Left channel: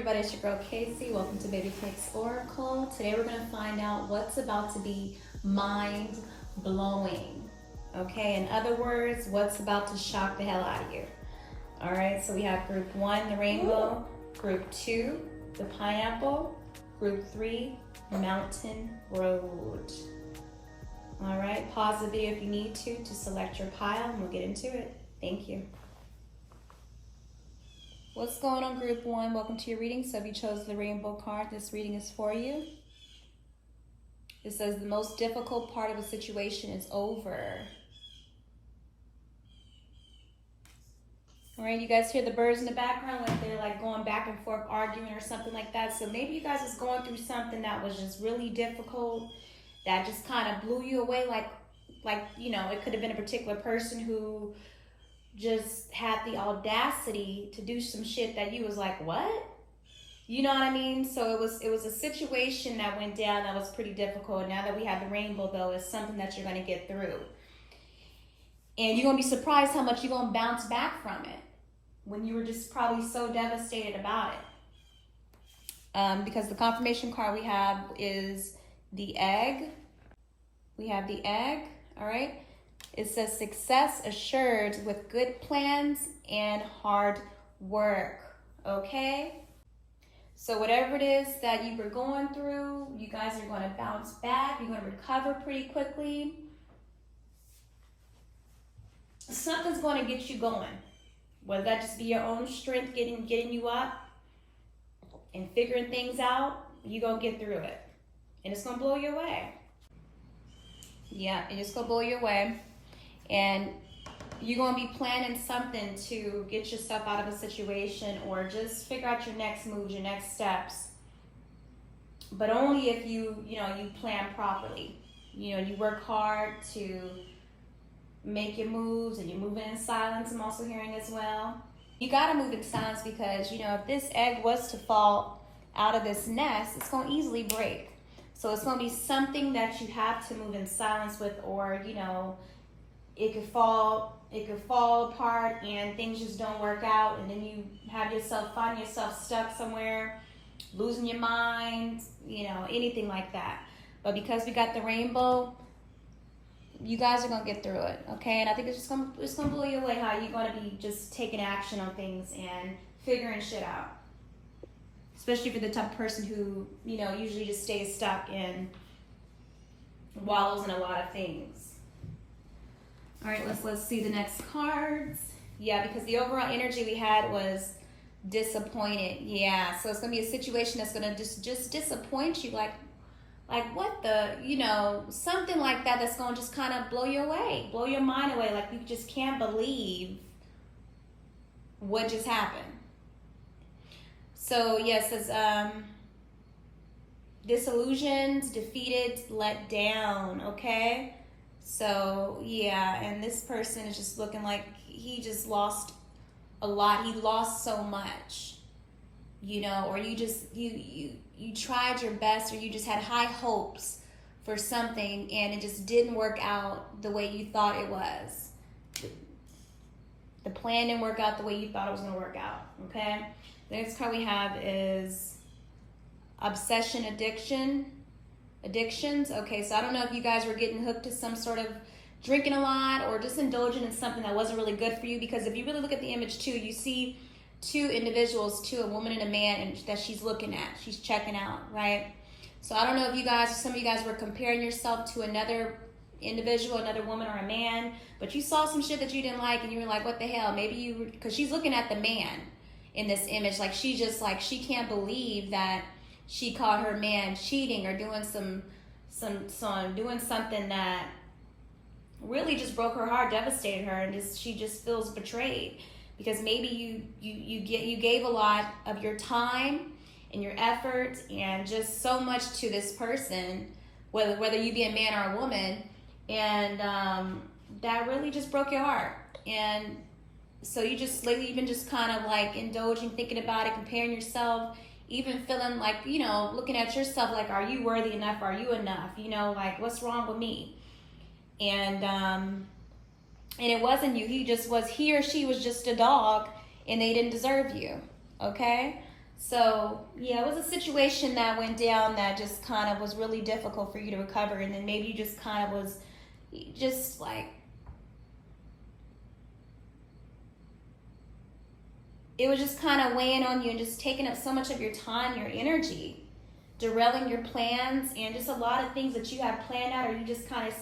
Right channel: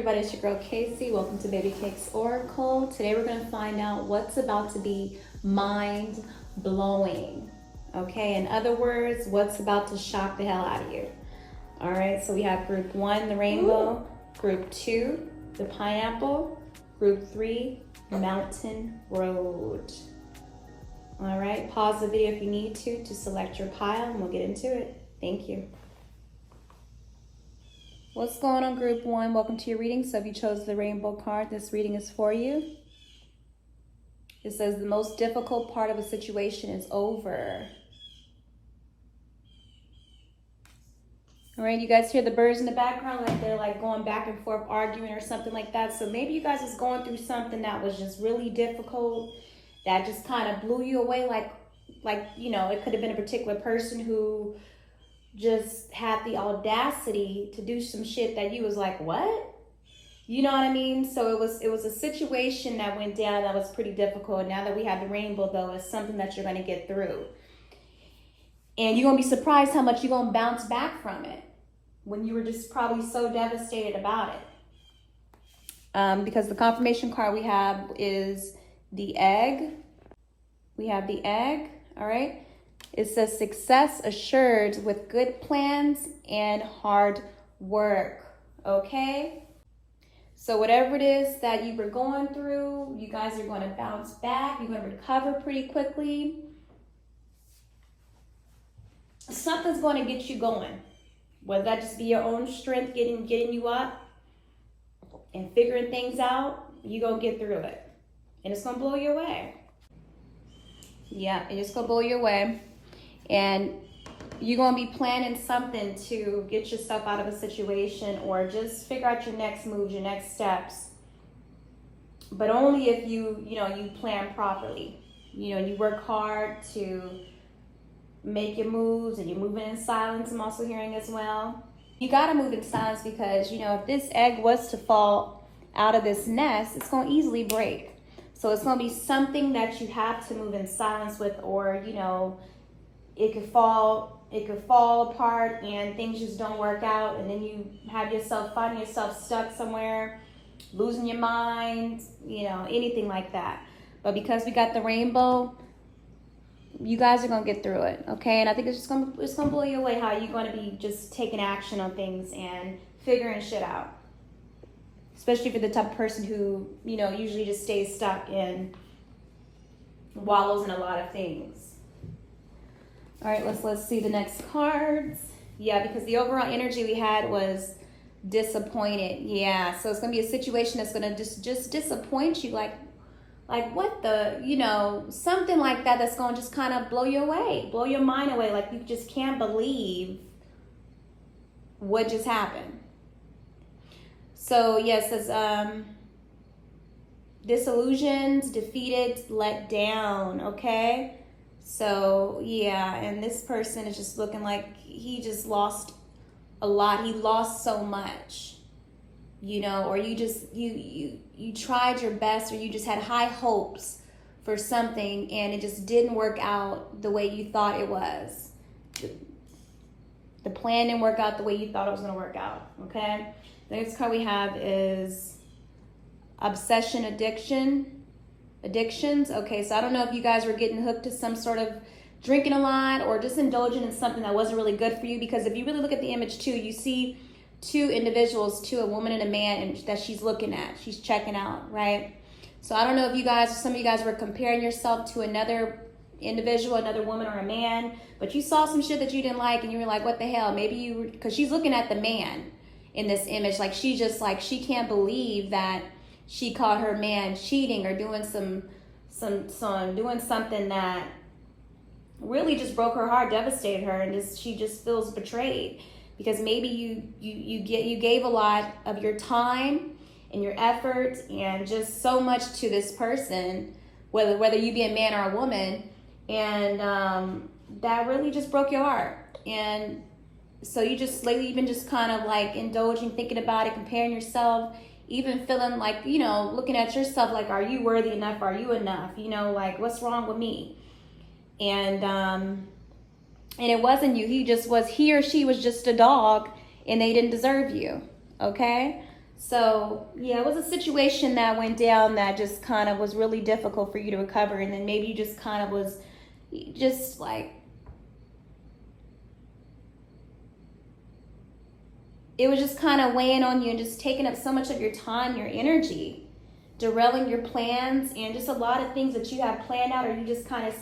everybody, it's your girl Casey. Welcome to Babycakes Oracle. Today we're going to find out what's about to be mind-blowing. Okay, in other words, what's about to shock the hell out of you. All right, so we have group 1, the rainbow, group 2, the pineapple, group 3, mountain road. All right, pause the video if you need to select your pile and we'll get into it. Thank you. What's going on, group 1? Welcome to your reading. So if you chose the rainbow card, this reading is for you. It says the most difficult part of a situation is over. All right, you guys hear the birds in the background, like they're like going back and forth arguing or something like that. So maybe you guys is going through something that was just really difficult, that just kind of blew you away. Like you know, it could have been a particular person who just had the audacity to do some shit that you was like, what? You know what I mean? So it was a situation that went down that was pretty difficult. Now that we have the rainbow, though, it's something that you're going to get through. And you're going to be surprised how much you're going to bounce back from it when you were just probably so devastated about it. Because the confirmation card we have is the egg. We have the egg, all right? It says success assured with good plans and hard work, okay? So whatever it is that you were going through, you guys are going to bounce back. You're going to recover pretty quickly. Something's going to get you going. Whether that just be your own strength getting you up and figuring things out, you're going to get through it. And it's going to blow you away. Yeah, it's going to blow you away. And you're going to be planning something to get yourself out of a situation or just figure out your next moves, your next steps. But only if you plan properly. You know, you work hard to make your moves and you're moving in silence. I'm also hearing as well. You got to move in silence because, you know, if this egg was to fall out of this nest, it's going to easily break. So it's going to be something that you have to move in silence with, or, you know, it could fall apart and things just don't work out, and then you find yourself stuck somewhere, losing your mind, you know, anything like that. But because we got the rainbow, you guys are gonna get through it, okay? And I think it's gonna blow you away how you're gonna be just taking action on things and figuring shit out. Especially for the type of person who, you know, usually just stays stuck and wallows in a lot of things. All right, let's see the next cards. Yeah, because the overall energy we had was disappointed. Yeah, so it's gonna be a situation that's gonna just disappoint you, like what the, you know, something like that that's gonna just kind of blow you away, blow your mind away. Like you just can't believe what just happened. So yes, it says disillusioned, defeated, let down. Okay. So yeah, and this person is just looking like he just lost a lot. He lost so much, you know, or you tried your best, or you just had high hopes for something and it just didn't work out the way you thought it was. The plan didn't work out the way you thought it was going to work out, okay? The next card we have is obsession, addictions. Okay, so I don't know if you guys were getting hooked to some sort of drinking a lot or just indulging in something that wasn't really good for you, because if you really look at the image too, you see two individuals, a woman and a man, and that she's looking at, she's checking out, right? So I don't know if some of you guys were comparing yourself to another individual, another woman or a man, but you saw some shit that you didn't like and you were like, what the hell? Maybe you were, because she's looking at the man in this image, like she can't believe that she caught her man cheating or doing doing something that really just broke her heart, devastated her, and she just feels betrayed because maybe you gave a lot of your time and your effort and just so much to this person, whether you be a man or a woman, and that really just broke your heart. And so you just lately you've been just kind of like indulging, thinking about it, comparing yourself, even feeling like, you know, looking at yourself like, are you worthy enough? Are you enough? You know, like, what's wrong with me? And it wasn't you. He or she was just a dog and they didn't deserve you. Okay? So, yeah, it was a situation that went down that just kind of was really difficult for you to recover. And then maybe you just kind of was just like, it was just kind of weighing on you and just taking up so much of your time, your energy, derailing your plans, and just a lot of things that you had planned out, or you just kind of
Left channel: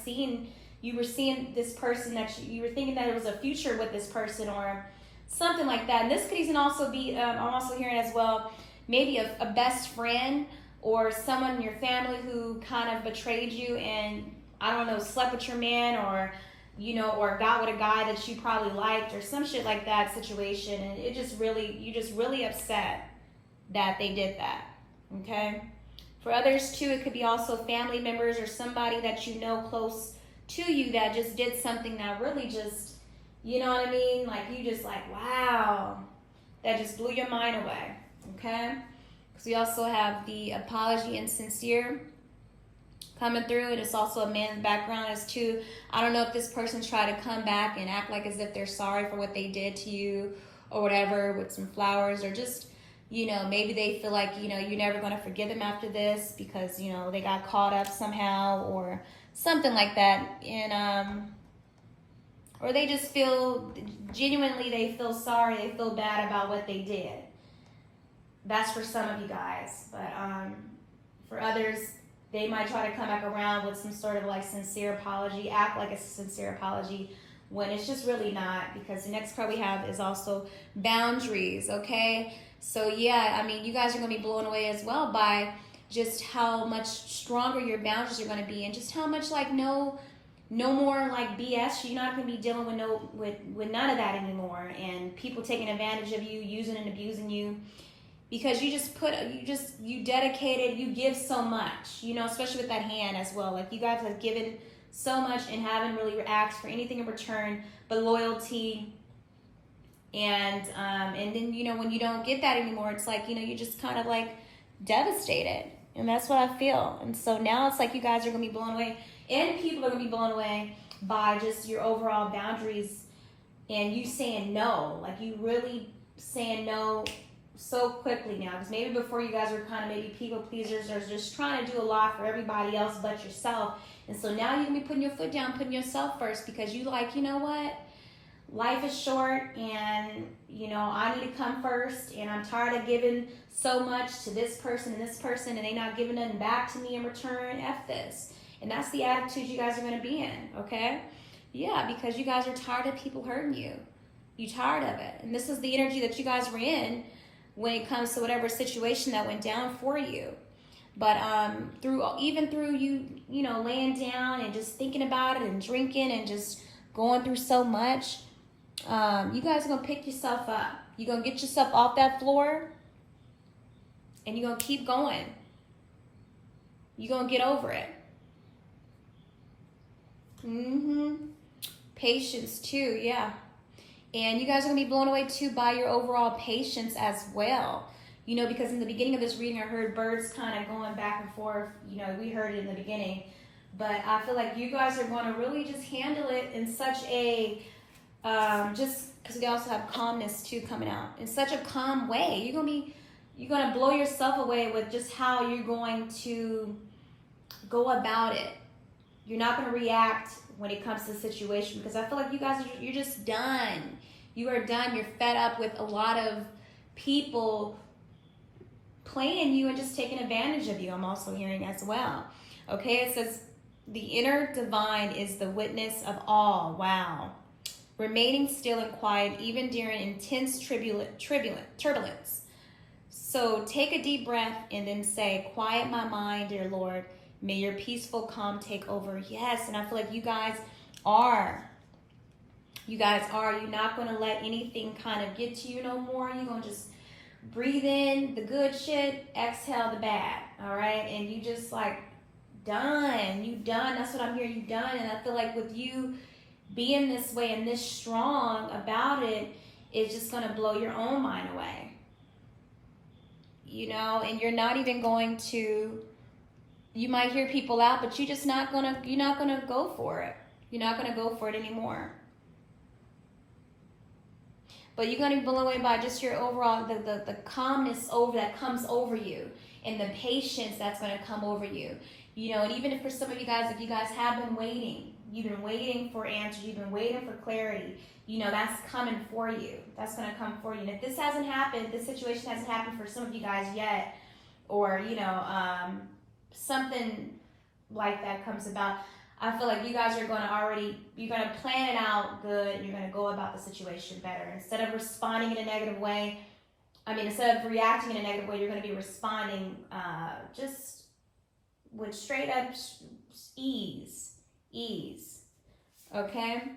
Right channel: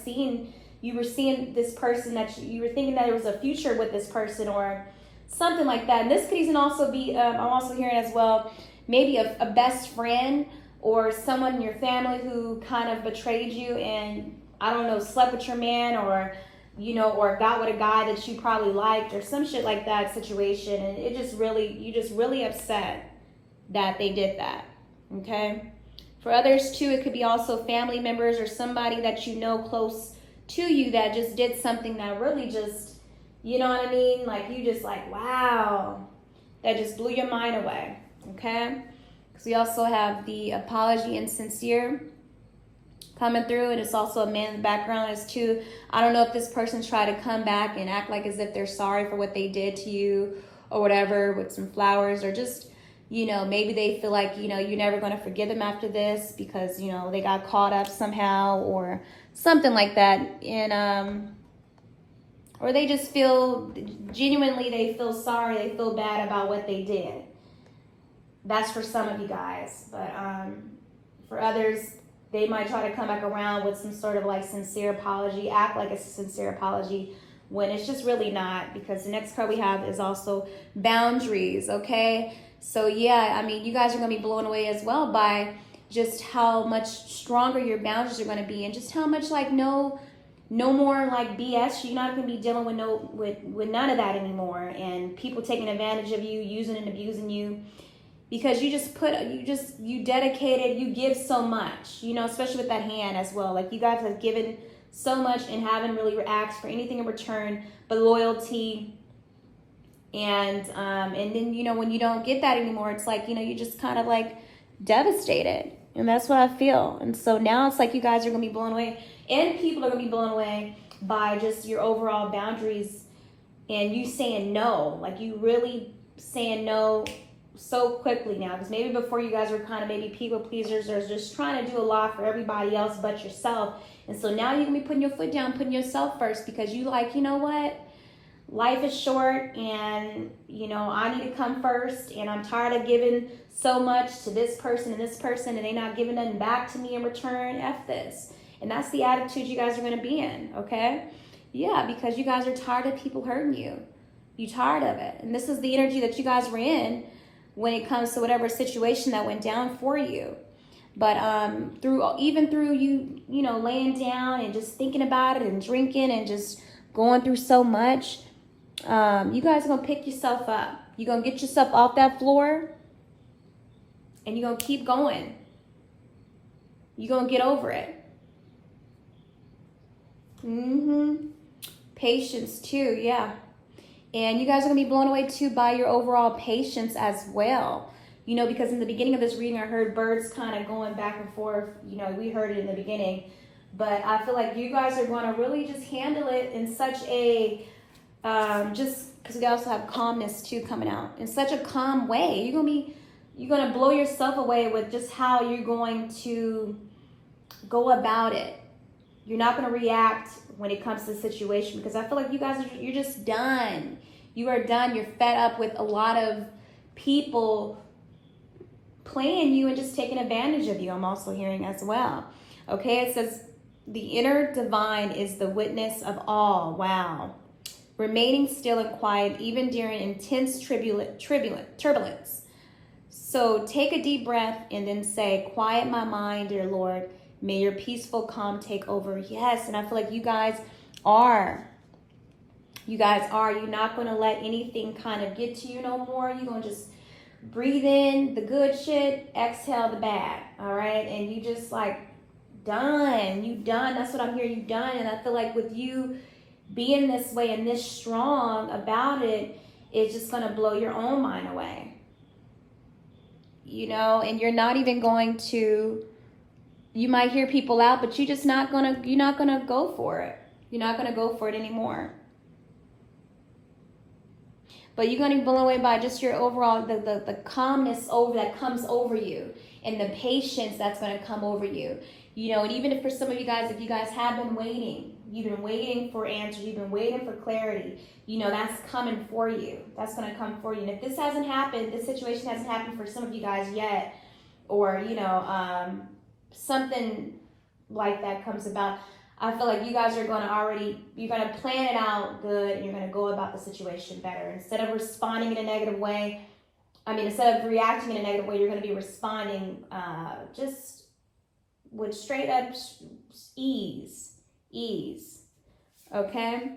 you were seeing this person that you were thinking that there was a future with this person or something like that. And this could even also be, I'm also hearing as well, maybe a best friend or someone in your family who kind of betrayed you and, I don't know, slept with your man, or, you know, or got with a guy that you probably liked, or some shit like that situation. And you just really upset that they did that, okay? For others too, it could be also family members or somebody that you know close to you that just did something that really just, you know what I mean? Like, you just like, wow, that just blew your mind away, okay? Because we also have the apology and sincere coming through, and it's also a man in the background as too. I don't know if this person tried to come back and act like as if they're sorry for what they did to you or whatever, with some flowers, or just, you know, maybe they feel like, you know, you're never going to forgive them after this because, you know, they got caught up somehow or something like that. And or they just feel genuinely, they feel sorry, they feel bad about what they did. That's for some of you guys. But for others, they might try to come back around with some sort of like sincere apology, act like it's a sincere apology, when it's just really not, because the next card we have is also boundaries, okay? So yeah, I mean, you guys are going to be blown away as well by just how much stronger your boundaries are going to be, and just how much like no more like BS. You're not going to be dealing with none of that anymore, and people taking advantage of you, using and abusing you, because you dedicated, you give so much, you know, especially with that hand as well. Like, you guys have given so much and haven't really asked for anything in return but loyalty. And then, you know, when you don't get that anymore, it's like, you know, you just kind of like devastated. And that's what I feel. And so now it's like you guys are going to be blown away, and people are going to be blown away by just your overall boundaries and you saying no. Like, you really saying no so quickly now. Because maybe before you guys were kind of maybe people pleasers or just trying to do a lot for everybody else but yourself. And so now you're going to be putting your foot down, putting yourself first, because you like, you know what? Life is short, and, you know, I need to come first, and I'm tired of giving so much to this person, and they're not giving nothing back to me in return. F this. And that's the attitude you guys are going to be in, okay? Yeah, because you guys are tired of people hurting you. You're tired of it. And this is the energy that you guys were in when it comes to whatever situation that went down for you. But through you know, laying down and just thinking about it and drinking and just going through so much, you guys are going to pick yourself up. You're going to get yourself off that floor, and you're going to keep going. You're going to get over it. Patience too, yeah. And you guys are going to be blown away too by your overall patience as well. You know, because in the beginning of this reading, I heard birds kind of going back and forth. You know, we heard it in the beginning. But I feel like you guys are going to really just handle it in such a, just because we also have calmness too coming out. In such a calm way. You're going to blow yourself away with just how you're going to go about it. You're not going to react when it comes to the situation, because I feel like you guys, you're just done. You are done. You're fed up with a lot of people playing you and just taking advantage of you. I'm also hearing as well. Okay, it says the inner divine is the witness of all. Wow. Remaining still and quiet even during intense turbulence. So take a deep breath and then say, quiet my mind, dear Lord. May your peaceful calm take over. Yes, and I feel like you guys are. You're not going to let anything kind of get to you no more. You're going to just breathe in the good shit, exhale the bad, all right? And you just like, done. You done. That's what I'm hearing. You done. And I feel like with you being this way and this strong about it, it's just going to blow your own mind away. You know, and you're not even going to, you might hear people out, but you're not going to go for it. You're not going to go for it anymore. But you're going to be blown away by just your overall, the calmness that comes over you, and the patience that's going to come over you. You know, and even if for some of you guys, if you guys have been waiting, you've been waiting for answers, you've been waiting for clarity, you know, that's coming for you. That's going to come for you. And if this hasn't happened, this situation hasn't happened for some of you guys yet, or, you know, something like that comes about, I feel like you guys are going to you're going to plan it out good, and you're going to go about the situation better. Instead of responding in a negative way, instead of reacting in a negative way, you're going to be responding just with straight up ease. Okay?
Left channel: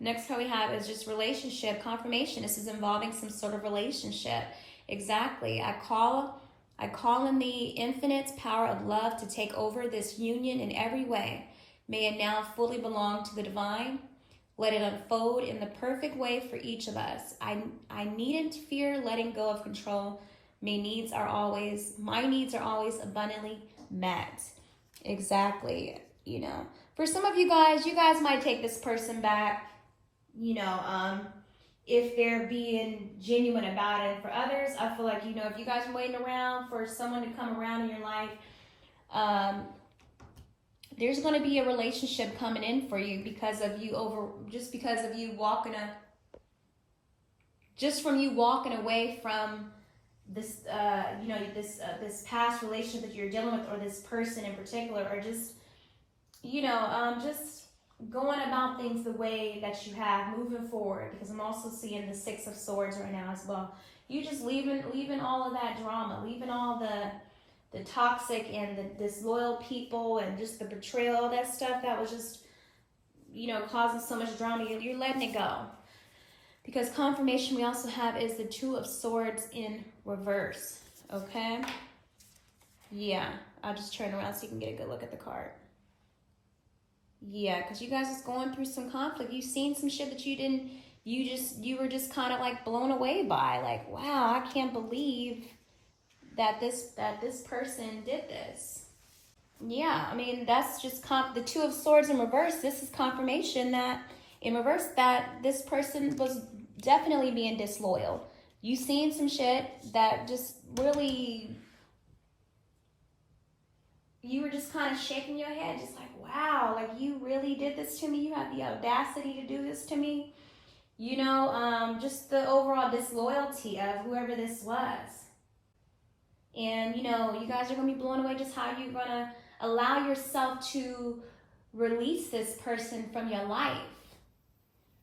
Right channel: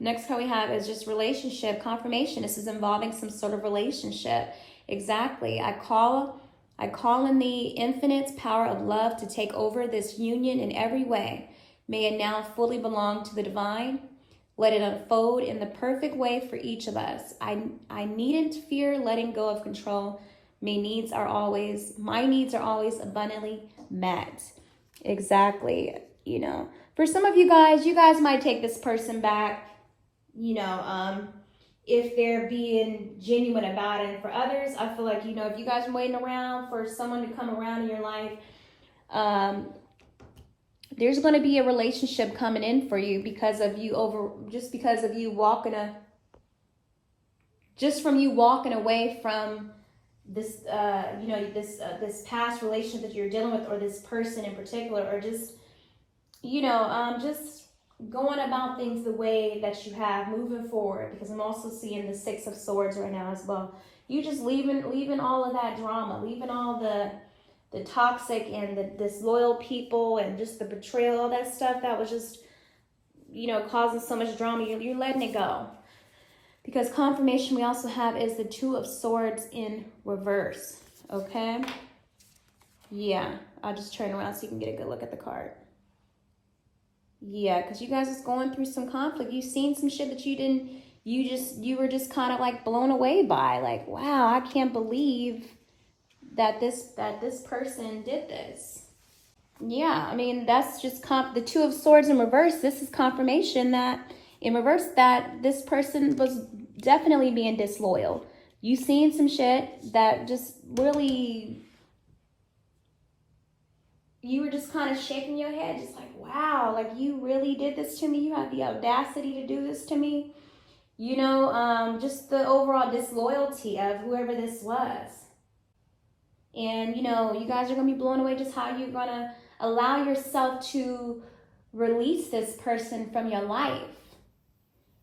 Next card we have is just relationship confirmation. This is involving some sort of relationship. Exactly. I call in the infinite power of love to take over this union in every way. May it now fully belong to the divine. Let it unfold in the perfect way for each of us. I needn't fear letting go of control. My needs are always abundantly met. Exactly. You know, for some of you guys might take this person back, you know, if they're being genuine about it. And for others, I feel like, you know, if you guys are waiting around for someone to come around in your life, there's going to be a relationship coming in for you because of you walking away from this, this past relationship that you're dealing with, or this person in particular, or just, you know, just going about things the way that you have, moving forward, because I'm also seeing the 6 of Swords right now as well. You just leaving all of that drama, leaving all the toxic and the disloyal people and just the betrayal, all that stuff that was just, you know, causing so much drama. You're letting it go. Because confirmation we also have is the 2 of Swords in reverse. Okay? Yeah. I'll just turn around so you can get a good look at the card. Yeah, because you guys is going through some conflict. You've seen some shit that you were just kind of like blown away by. Like, wow, I can't believe that this person did this. Yeah, I mean, that's just the 2 of Swords in reverse. This is confirmation that in reverse that this person was definitely being disloyal. You seen some shit that just really, you were just kind of shaking your head, just like, wow, like you really did this to me. You had the audacity to do this to me. You know, just the overall disloyalty of whoever this was. And, you know, you guys are going to be blown away just how you're going to allow yourself to release this person from your life.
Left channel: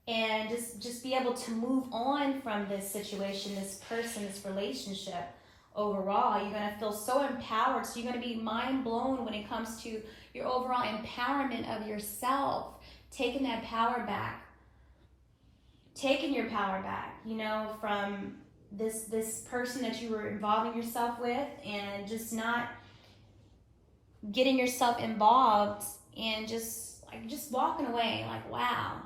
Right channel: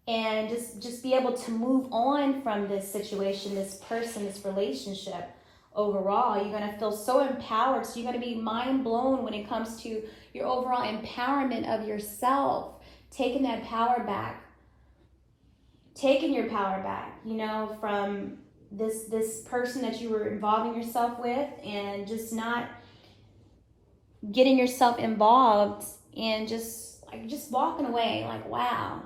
And just be able to move on from this situation, this person, this relationship overall. You're going to feel so empowered. So you're going to be mind blown when it comes to your overall empowerment of yourself. Taking that power back. Taking your power back, you know, from this person that you were involving yourself with, and just not getting yourself involved and just walking away like, wow.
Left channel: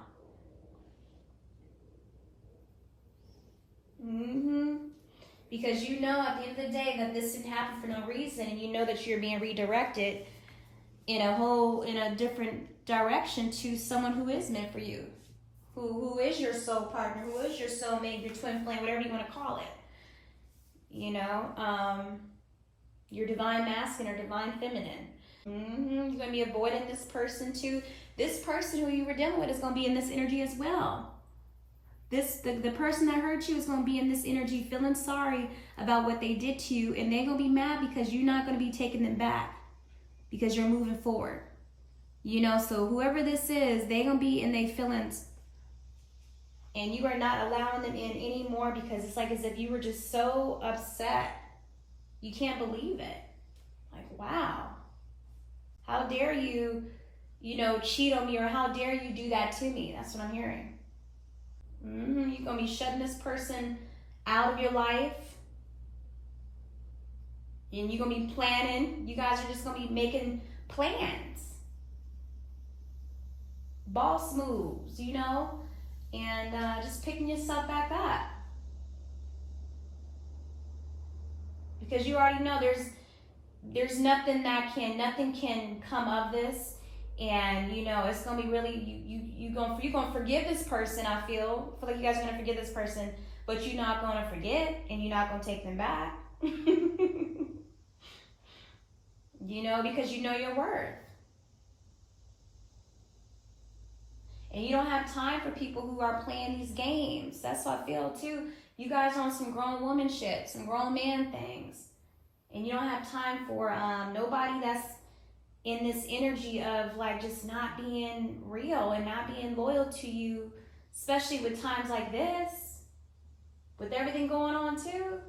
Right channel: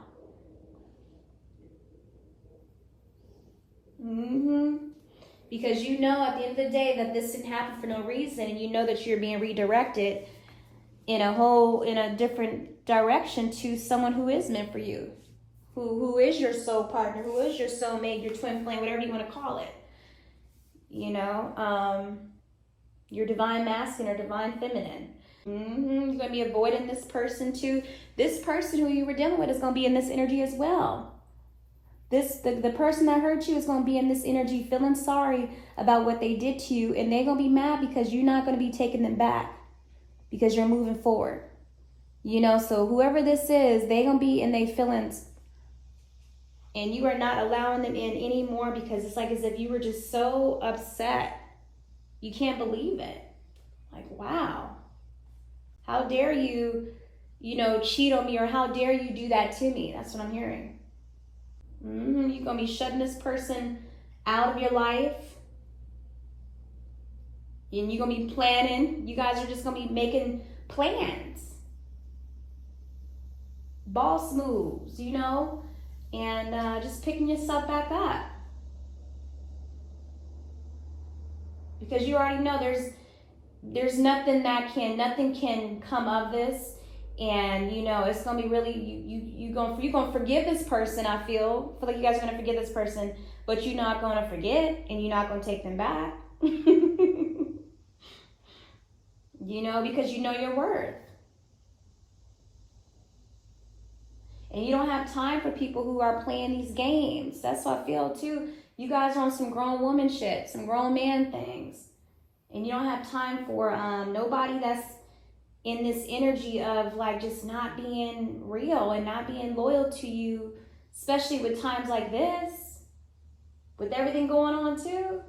Because you know at the end of the day that this didn't happen for no reason, and you know that you're being redirected in a different direction to someone who is meant for you. Who is your soul partner, who is your soulmate, your twin flame, whatever you want to call it. You know, your divine masculine or divine feminine. You're going to be avoiding this person too. This person who you were dealing with is going to be in this energy as well. The person that hurt you is going to be in this energy feeling sorry about what they did to you, and they're going to be mad because you're not going to be taking them back because you're moving forward. You know, so whoever this is, they're going to be in their feelings. And you are not allowing them in anymore because it's like as if you were just so upset. You can't believe it. Like, wow. How dare you, you know, cheat on me, or how dare you do that to me? That's what I'm hearing. You're going to be shutting this person out of your life. And you're going to be planning. You guys are just going to be making plans. Boss moves, you know. And just picking yourself back up, because you already know there's nothing can come of this, and you know it's gonna be really you're gonna forgive this person. I feel like you guys are gonna forgive this person, but you're not going to forget and you're not going to take them back. Because you know your worth. And you don't have time for people who are playing these games. That's how I feel too. You guys are on some grown woman shit, some grown man things. And you don't have time for nobody that's in this energy of like just not being real and not being loyal to you, especially with times like this, with everything going on too.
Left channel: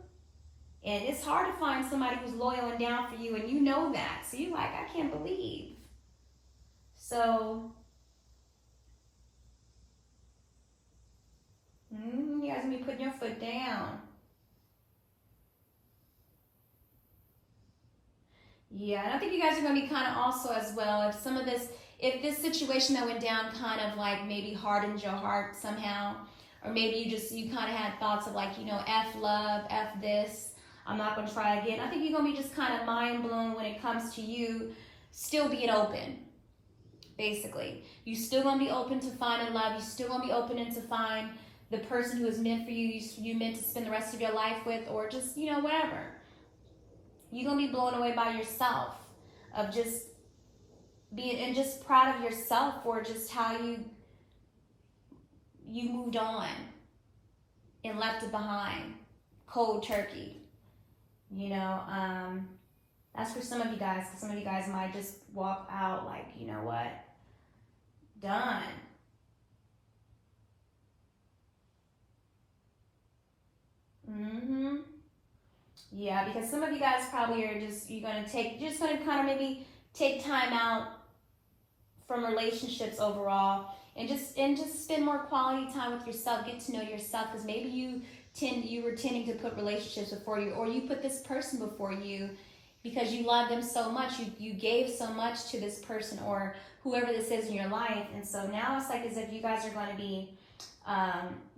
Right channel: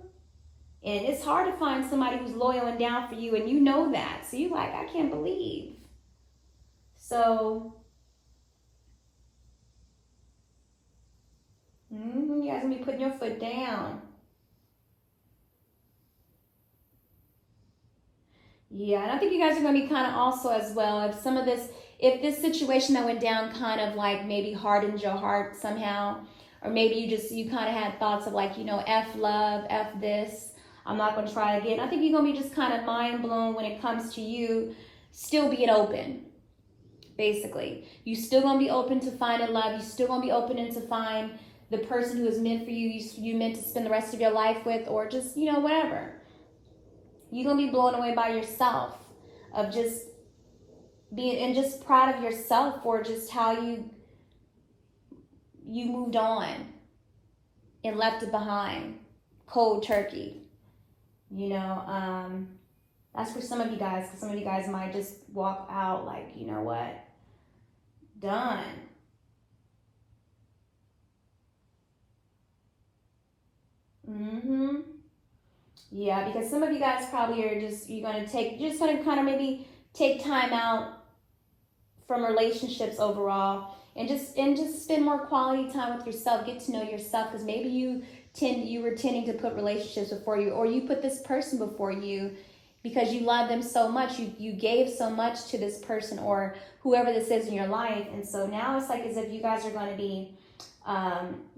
And it's hard to find somebody who's loyal and down for you, and you know that. So you're like, I can't believe. So, you guys gonna be putting your foot down. Yeah, and I think you guys are going to be kind of also as well, if this situation that went down kind of like maybe hardened your heart somehow, or maybe you kind of had thoughts of like, F love, F this, I'm not going to try again. I think you're going to be just kind of mind blown when it comes to you still being open, basically. You still going to be open to finding love. You still going to be open to find the person who is meant for you, you meant to spend the rest of your life with, or just, whatever. You're going to be blown away by yourself of just being, and just proud of yourself for just how you moved on and left it behind. Cold turkey. That's for some of you guys. Some of you guys might just walk out like, you know what? Done. Yeah, because some of you guys probably are you're going to kind of maybe take time out from relationships overall and just spend more quality time with yourself, get to know yourself, because maybe you were tending to put relationships before you, or you put this person before you because you love them so much, you gave so much to this person or whoever this is in your life, and so now it's like as if you guys are going to be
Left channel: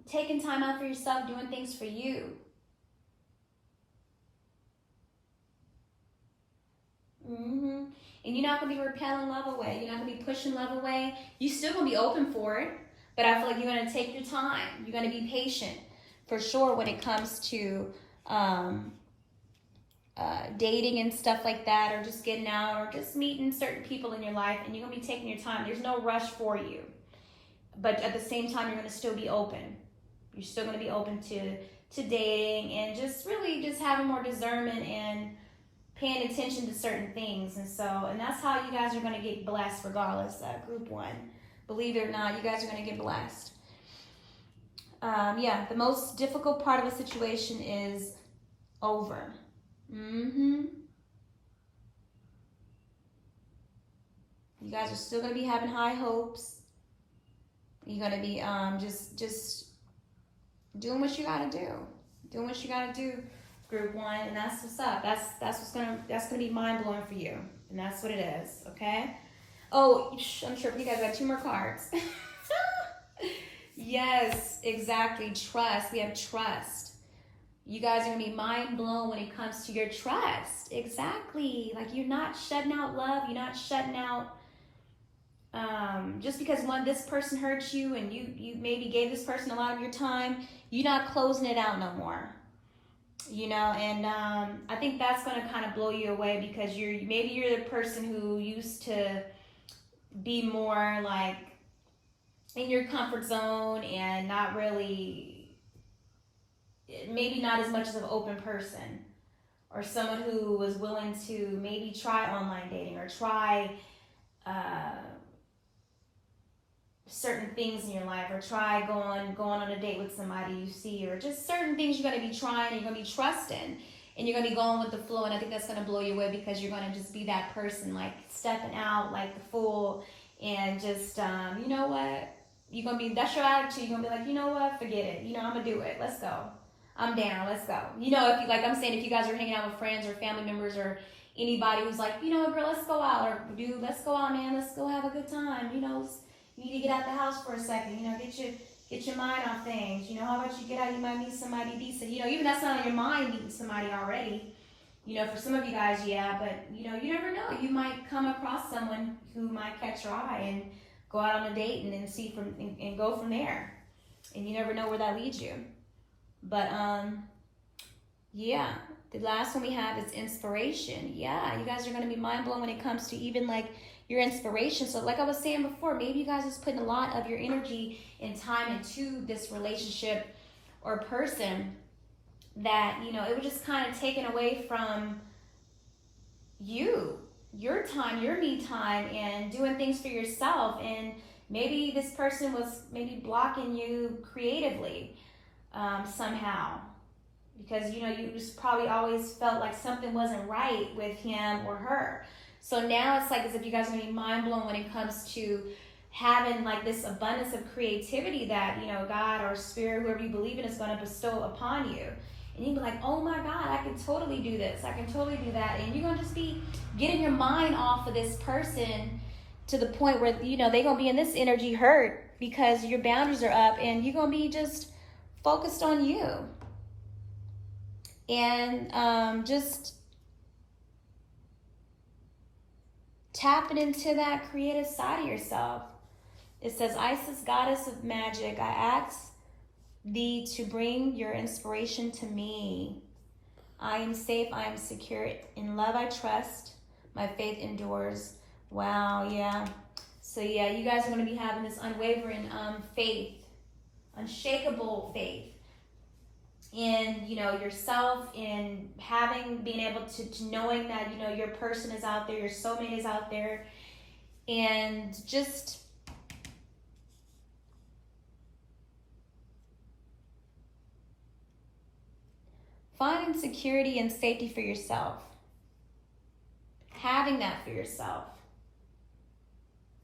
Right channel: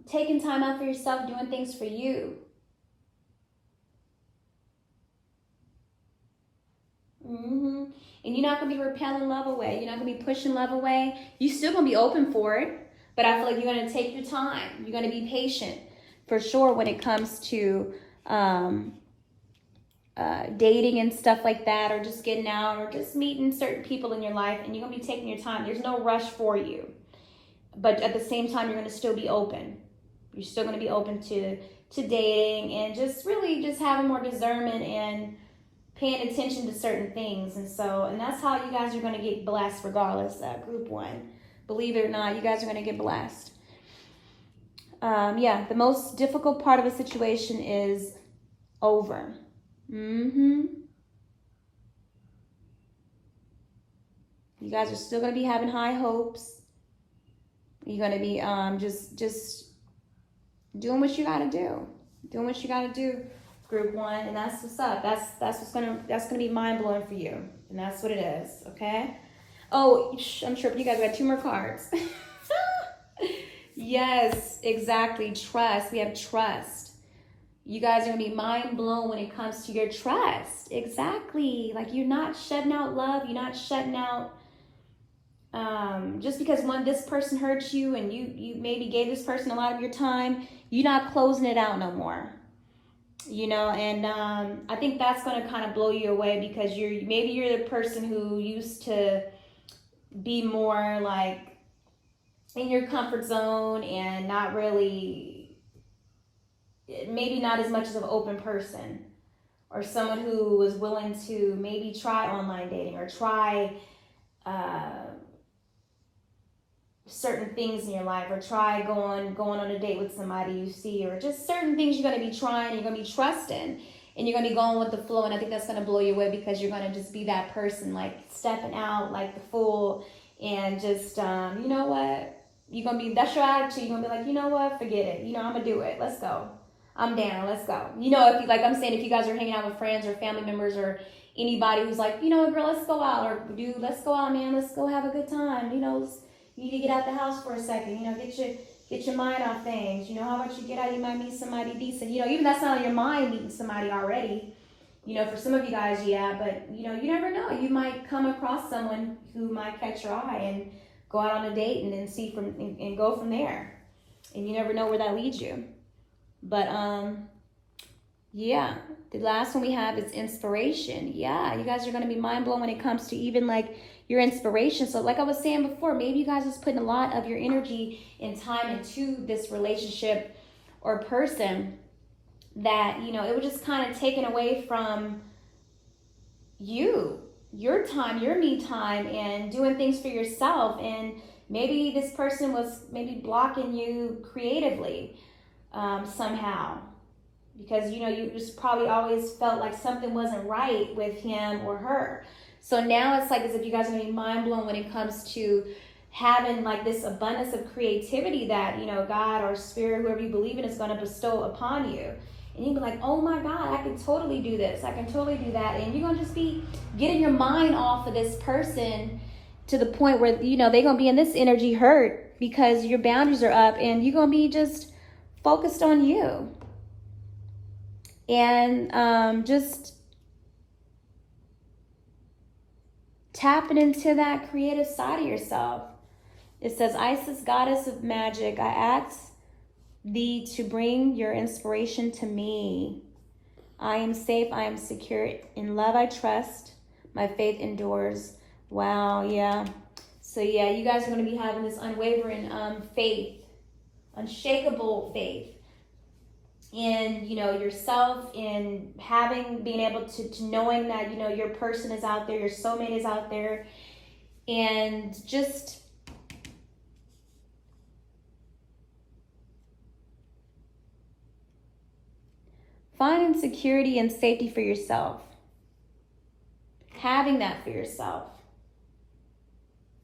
taking time out for yourself, doing things for you. And you're not going to be repelling love away. You're not going to be pushing love away. You're still going to be open for it, but I feel like you're going to take your time. You're going to be patient for sure when it comes to dating and stuff like that, or just getting out, or just meeting certain people in your life, and you're going to be taking your time. There's no rush for you, but at the same time, you're going to still be open. You're still going to be open to dating and just really just having more discernment and paying attention to certain things. And that's how you guys are going to get blessed regardless. Group 1, believe it or not, you guys are going to get blessed. The most difficult part of the situation is over. You guys are still going to be having high hopes. You're going to be just doing what you got to do. Doing what you got to do. Group 1, and that's what's up. That's gonna be mind blowing for you, and that's what it is. Okay. Oh, I'm sure you guys got 2 more cards. Yes, exactly. Trust. We have trust. You guys are gonna be mind blown when it comes to your trust. Exactly. Like you're not shutting out love. You're not shutting out. Just because this person hurt you and you maybe gave this person a lot of your time, you're not closing it out no more. And I think that's going to kind of blow you away, because you're the person who used to be more like in your comfort zone and not really, maybe not as much as an open person, or someone who was willing to maybe try online dating or try certain things in your life, or try going on a date with somebody you see, or just certain things you're going to be trying, you're going to be trusting, and you're going to be going with the flow. And I think that's going to blow you away, because you're going to just be that person, like stepping out like the fool, and just you know what, you're going to be, that's your attitude. You're going to be like, you know what, forget it, I'm going to do it, let's go, I'm down, let's go. If you, like I'm saying, if you guys are hanging out with friends or family members or anybody who's like, girl, let's go out, or dude, let's go out, man, let's go have a good time, you need to get out the house for a second, get your mind off things. How about you get out, you might meet somebody decent. Even that's not on your mind, meeting somebody already. For some of you guys, yeah, but you never know. You might come across someone who might catch your eye and go out on a date and then and go from there. And you never know where that leads you. But yeah, the last one we have is inspiration. Yeah, you guys are going to be mind blown when it comes to even like your inspiration. So like I was saying before, maybe you guys are putting a lot of your energy and time into this relationship or person that, you know, it was just kind of taken away from you, your time, your me time, and doing things for yourself. And maybe this person was maybe blocking you creatively somehow, because you know you just probably always felt like something wasn't right with him or her. So now it's like as if you guys are gonna be mind blown when it comes to having like this abundance of creativity that, you know, God or spirit, whoever you believe in, is going to bestow upon you. And you'll be like, oh my God, I can totally do this, I can totally do that. And you're going to just be getting your mind off of this person to the point where, you know, they're going to be in this energy hurt because your boundaries are up, and you're going to be just focused on you. And just tapping into that creative side of yourself. It says, Isis, goddess of magic, I ask thee to bring your inspiration to me. I am safe, I am secure. In love I trust, my faith endures. Wow, yeah. So yeah, you guys are going to be having this unwavering faith, unshakable faith in, you know, yourself, in being able to knowing that, you know, your person is out there, your soulmate is out there, and just finding security and safety for yourself. Having that for yourself.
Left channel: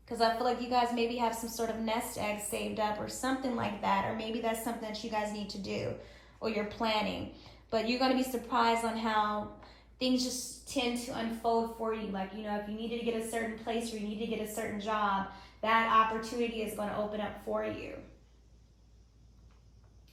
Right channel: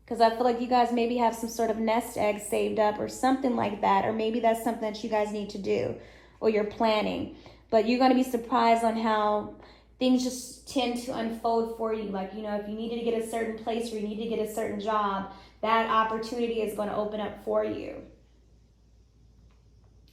Because I feel like you guys maybe have some sort of nest egg saved up or something like that. Or maybe that's something that you guys need to do or you're planning. But you're going to be surprised on how things just tend to unfold for you. Like, you know, if you needed to get a certain place or you need to get a certain job, that opportunity is going to open up for you.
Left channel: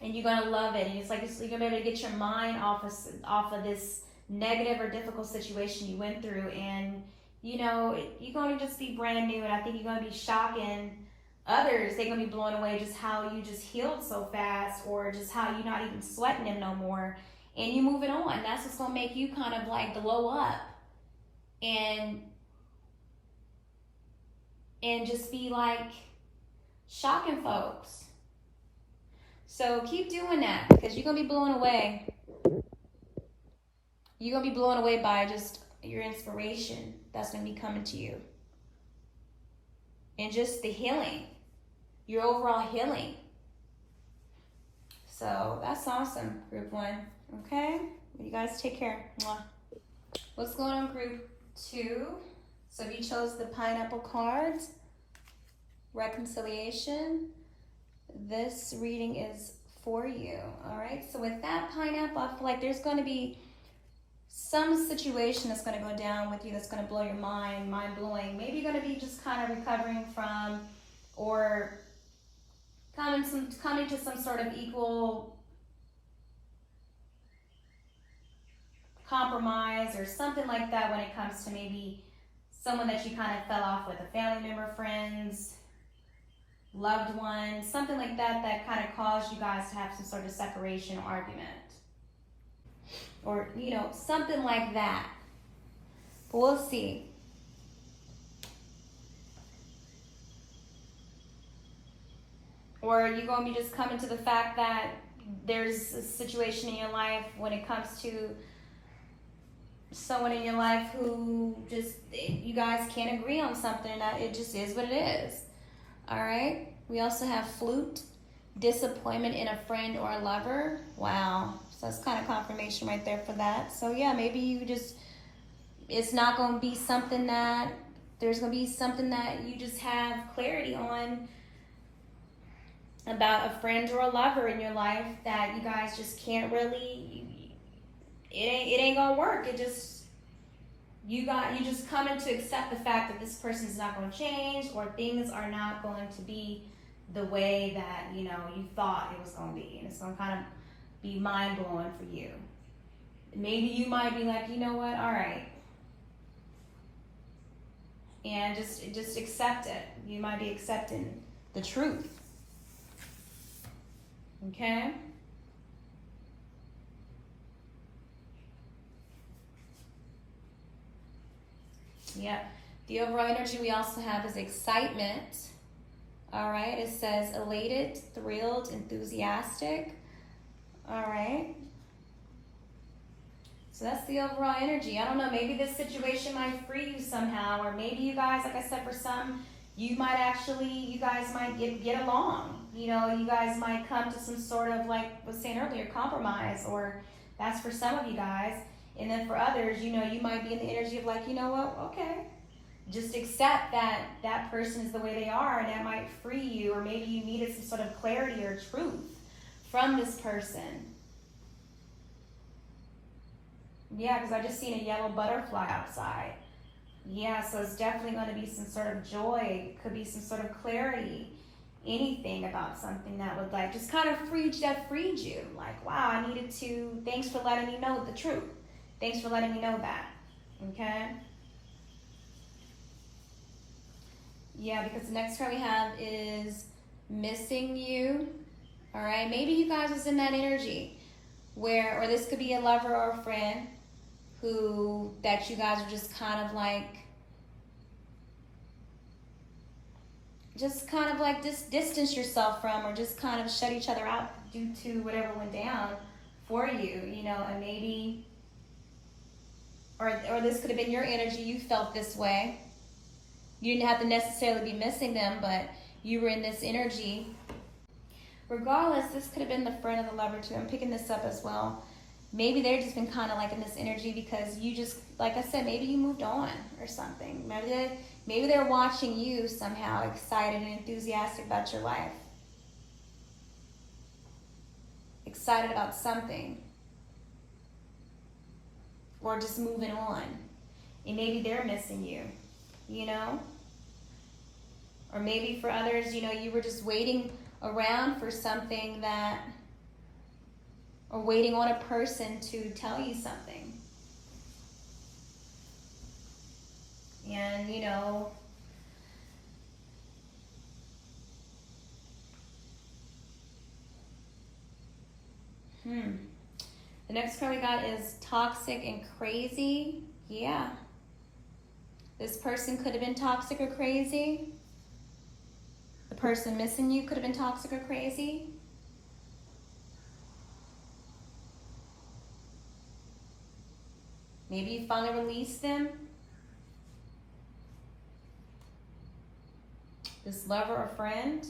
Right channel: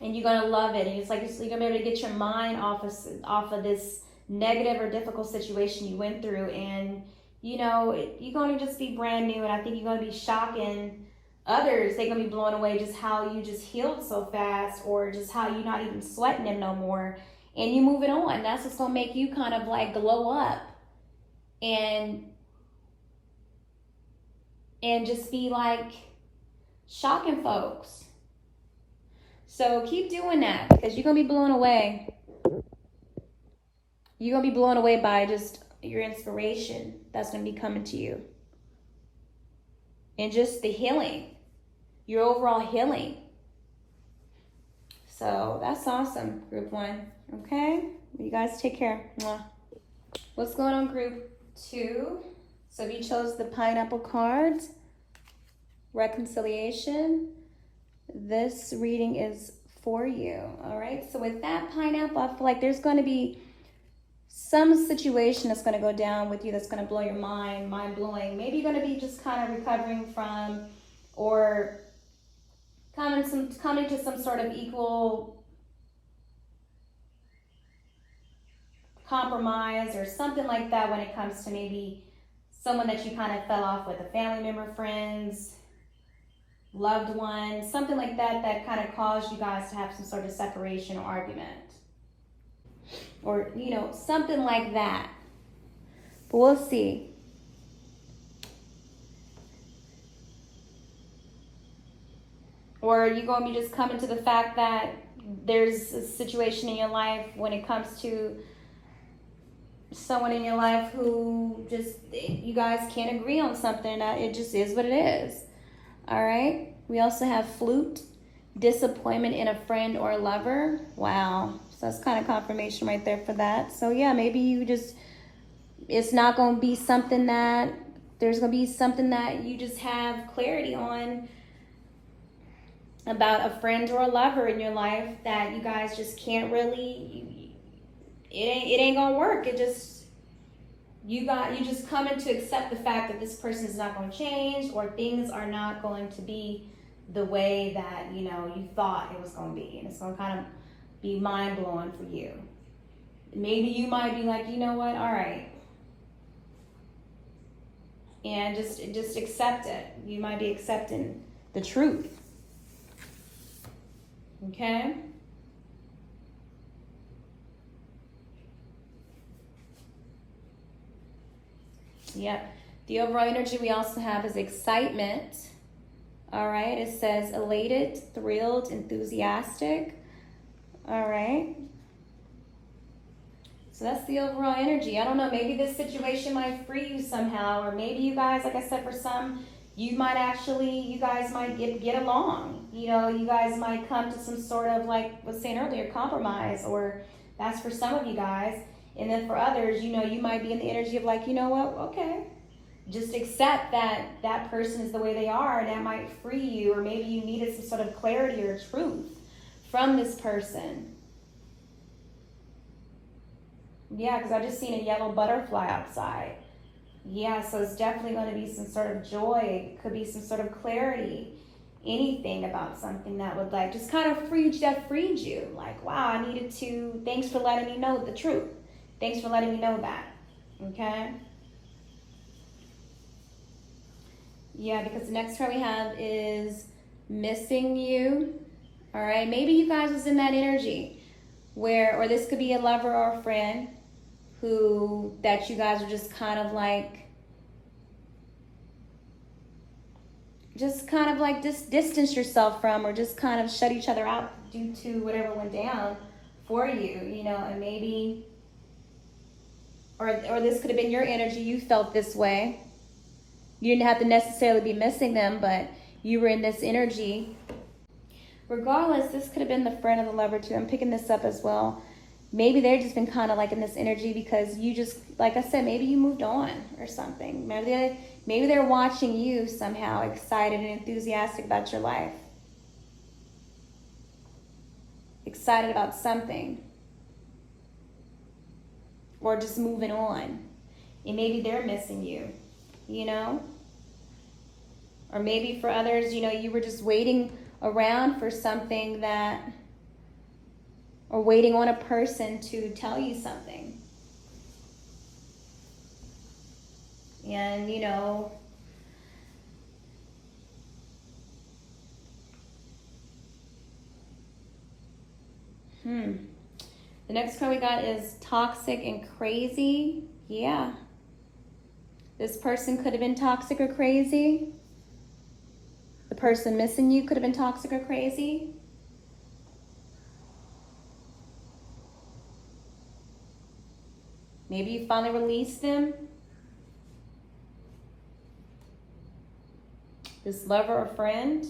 And you're going to love it. And it's like you're going to be able to get your mind off of this negative or difficult situation you went through. And, you know, you're going to just be brand new. And I think you're going to be shocking others. They're going to be blown away just how you just healed so fast, or just how you're not even sweating them no more. And you're moving on. That's what's going to make you kind of like glow up. And just be like shocking folks. So keep doing that, because you're going to be blown away. You're going to be blown away by just your inspiration that's going to be coming to you. And just the healing, your overall healing. So that's awesome, group 1. Okay? You guys take care. What's going on, group 2? So you chose the pineapple cards, reconciliation. This reading is for you. All right, so with that pineapple, I feel like there's going to be some situation that's going to go down with you that's going to blow your mind, mind-blowing. Maybe you're going to be just kind of recovering from, or coming to some sort of equal compromise or something like that when it comes to maybe someone that you kind of fell off with, a family member, friends, loved one, something like that kind of caused you guys to have some sort of separation or argument. Or, you know, something like that. But we'll see. Or you're going to be just coming to the fact that there's a situation in your life when it comes to someone in your life who just, you guys can't agree on something. It just is what it is. All right. We also have flute, disappointment in a friend or a lover. Wow. So that's kind of confirmation right there for that. So yeah, maybe you just, it's not going to be something that, there's going to be something that you just have clarity on about a friend or a lover in your life that you guys just can't really, it ain't going to work. It just, you just coming to accept the fact that this person is not going to change, or things are not going to be the way that, you know, you thought it was going to be. And it's going to kind of be mind-blowing for you. Maybe you might be like, you know what, all right. And just accept it. You might be accepting the truth. Okay? Yep. The overall energy we also have is excitement. All right. It says elated, thrilled, enthusiastic. All right. So that's the overall energy. I don't know, maybe this situation might free you somehow, or maybe you guys, like I said, for some, you guys might get along. You know, you guys might come to some sort of, like I was saying earlier, compromise, or that's for some of you guys. And then for others, you know, you might be in the energy of like, you know what, okay. Just accept that that person is the way they are, and that might free you, or maybe you needed some sort of clarity or truth from this person. Yeah, because I just seen a yellow butterfly outside. Yeah, so it's definitely going to be some sort of joy. It could be some sort of clarity. Anything about something that would like just kind of freed you. Like, wow, I needed to, thanks for letting me know the truth. Thanks for letting me know that. Okay? Yeah, because the next card we have is missing you. All right, maybe you guys was in that energy where, or this could be a lover or a friend that you guys are just kind of like distance yourself from, or just kind of shut each other out due to whatever went down for you, you know, and maybe, or this could have been your energy, you felt this way. You didn't have to necessarily be missing them, but you were in this energy. Regardless, this could have been the friend or the lover too. I'm picking this up as well. Maybe they've just been kind of like in this energy because you just, like I said, maybe you moved on or something. Maybe they're watching you somehow excited and enthusiastic about your life. Excited about something. Or just moving on. And maybe they're missing you, you know? Or maybe for others, you know, you were just waiting around for something that, or waiting on a person to tell you something. And, you know, the next card we got is toxic and crazy. Yeah. This person could have been toxic or crazy. The person missing you could have been toxic or crazy. Maybe you finally released them. This lover or friend.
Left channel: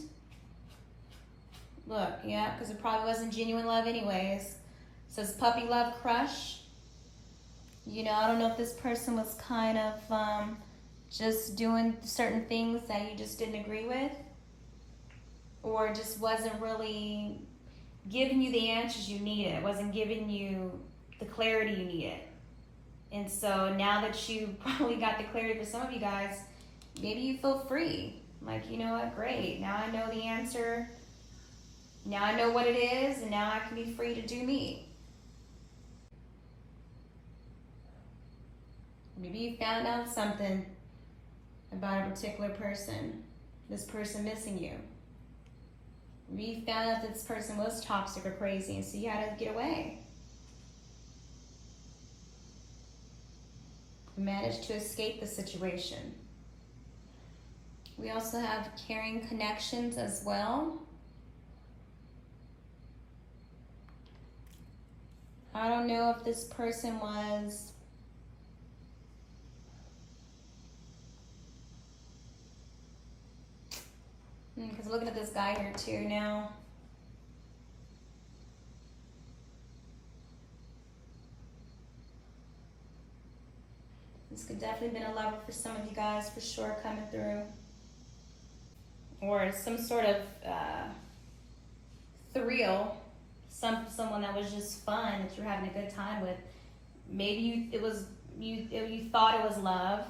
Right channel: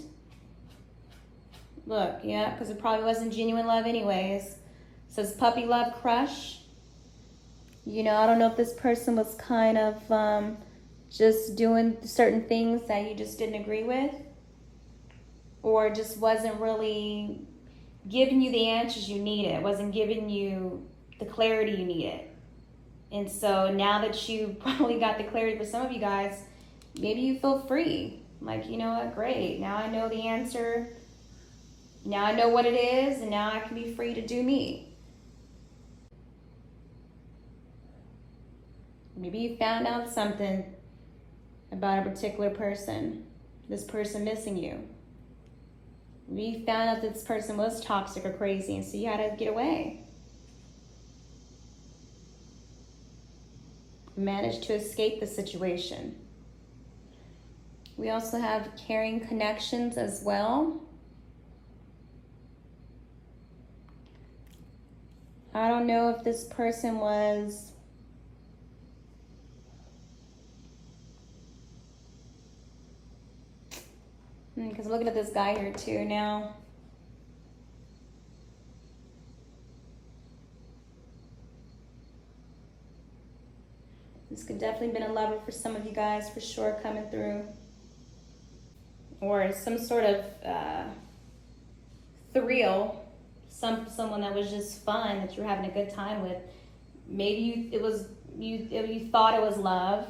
Look, yeah, because it probably wasn't genuine love anyways. It says puppy love crush. You know, I don't know if this person was kind of just doing certain things that you just didn't agree with, or just wasn't really giving you the answers you needed, wasn't giving you the clarity you needed. And so now that you probably got the clarity for some of you guys, maybe you feel free. Like, you know what, great, now I know the answer. Now I know what it is, and now I can be free to do me. Maybe you found out something about a particular person, this person missing you. Maybe you found out that this person was toxic or crazy, and so you had to get away. Managed to escape the situation. We also have caring connections as well. I don't know if this person was because looking at this guy here too now. This could definitely been a lover for some of you guys for sure coming through. Or some sort of thrill, someone that was just fun, that you're having a good time with. Maybe you thought it was love,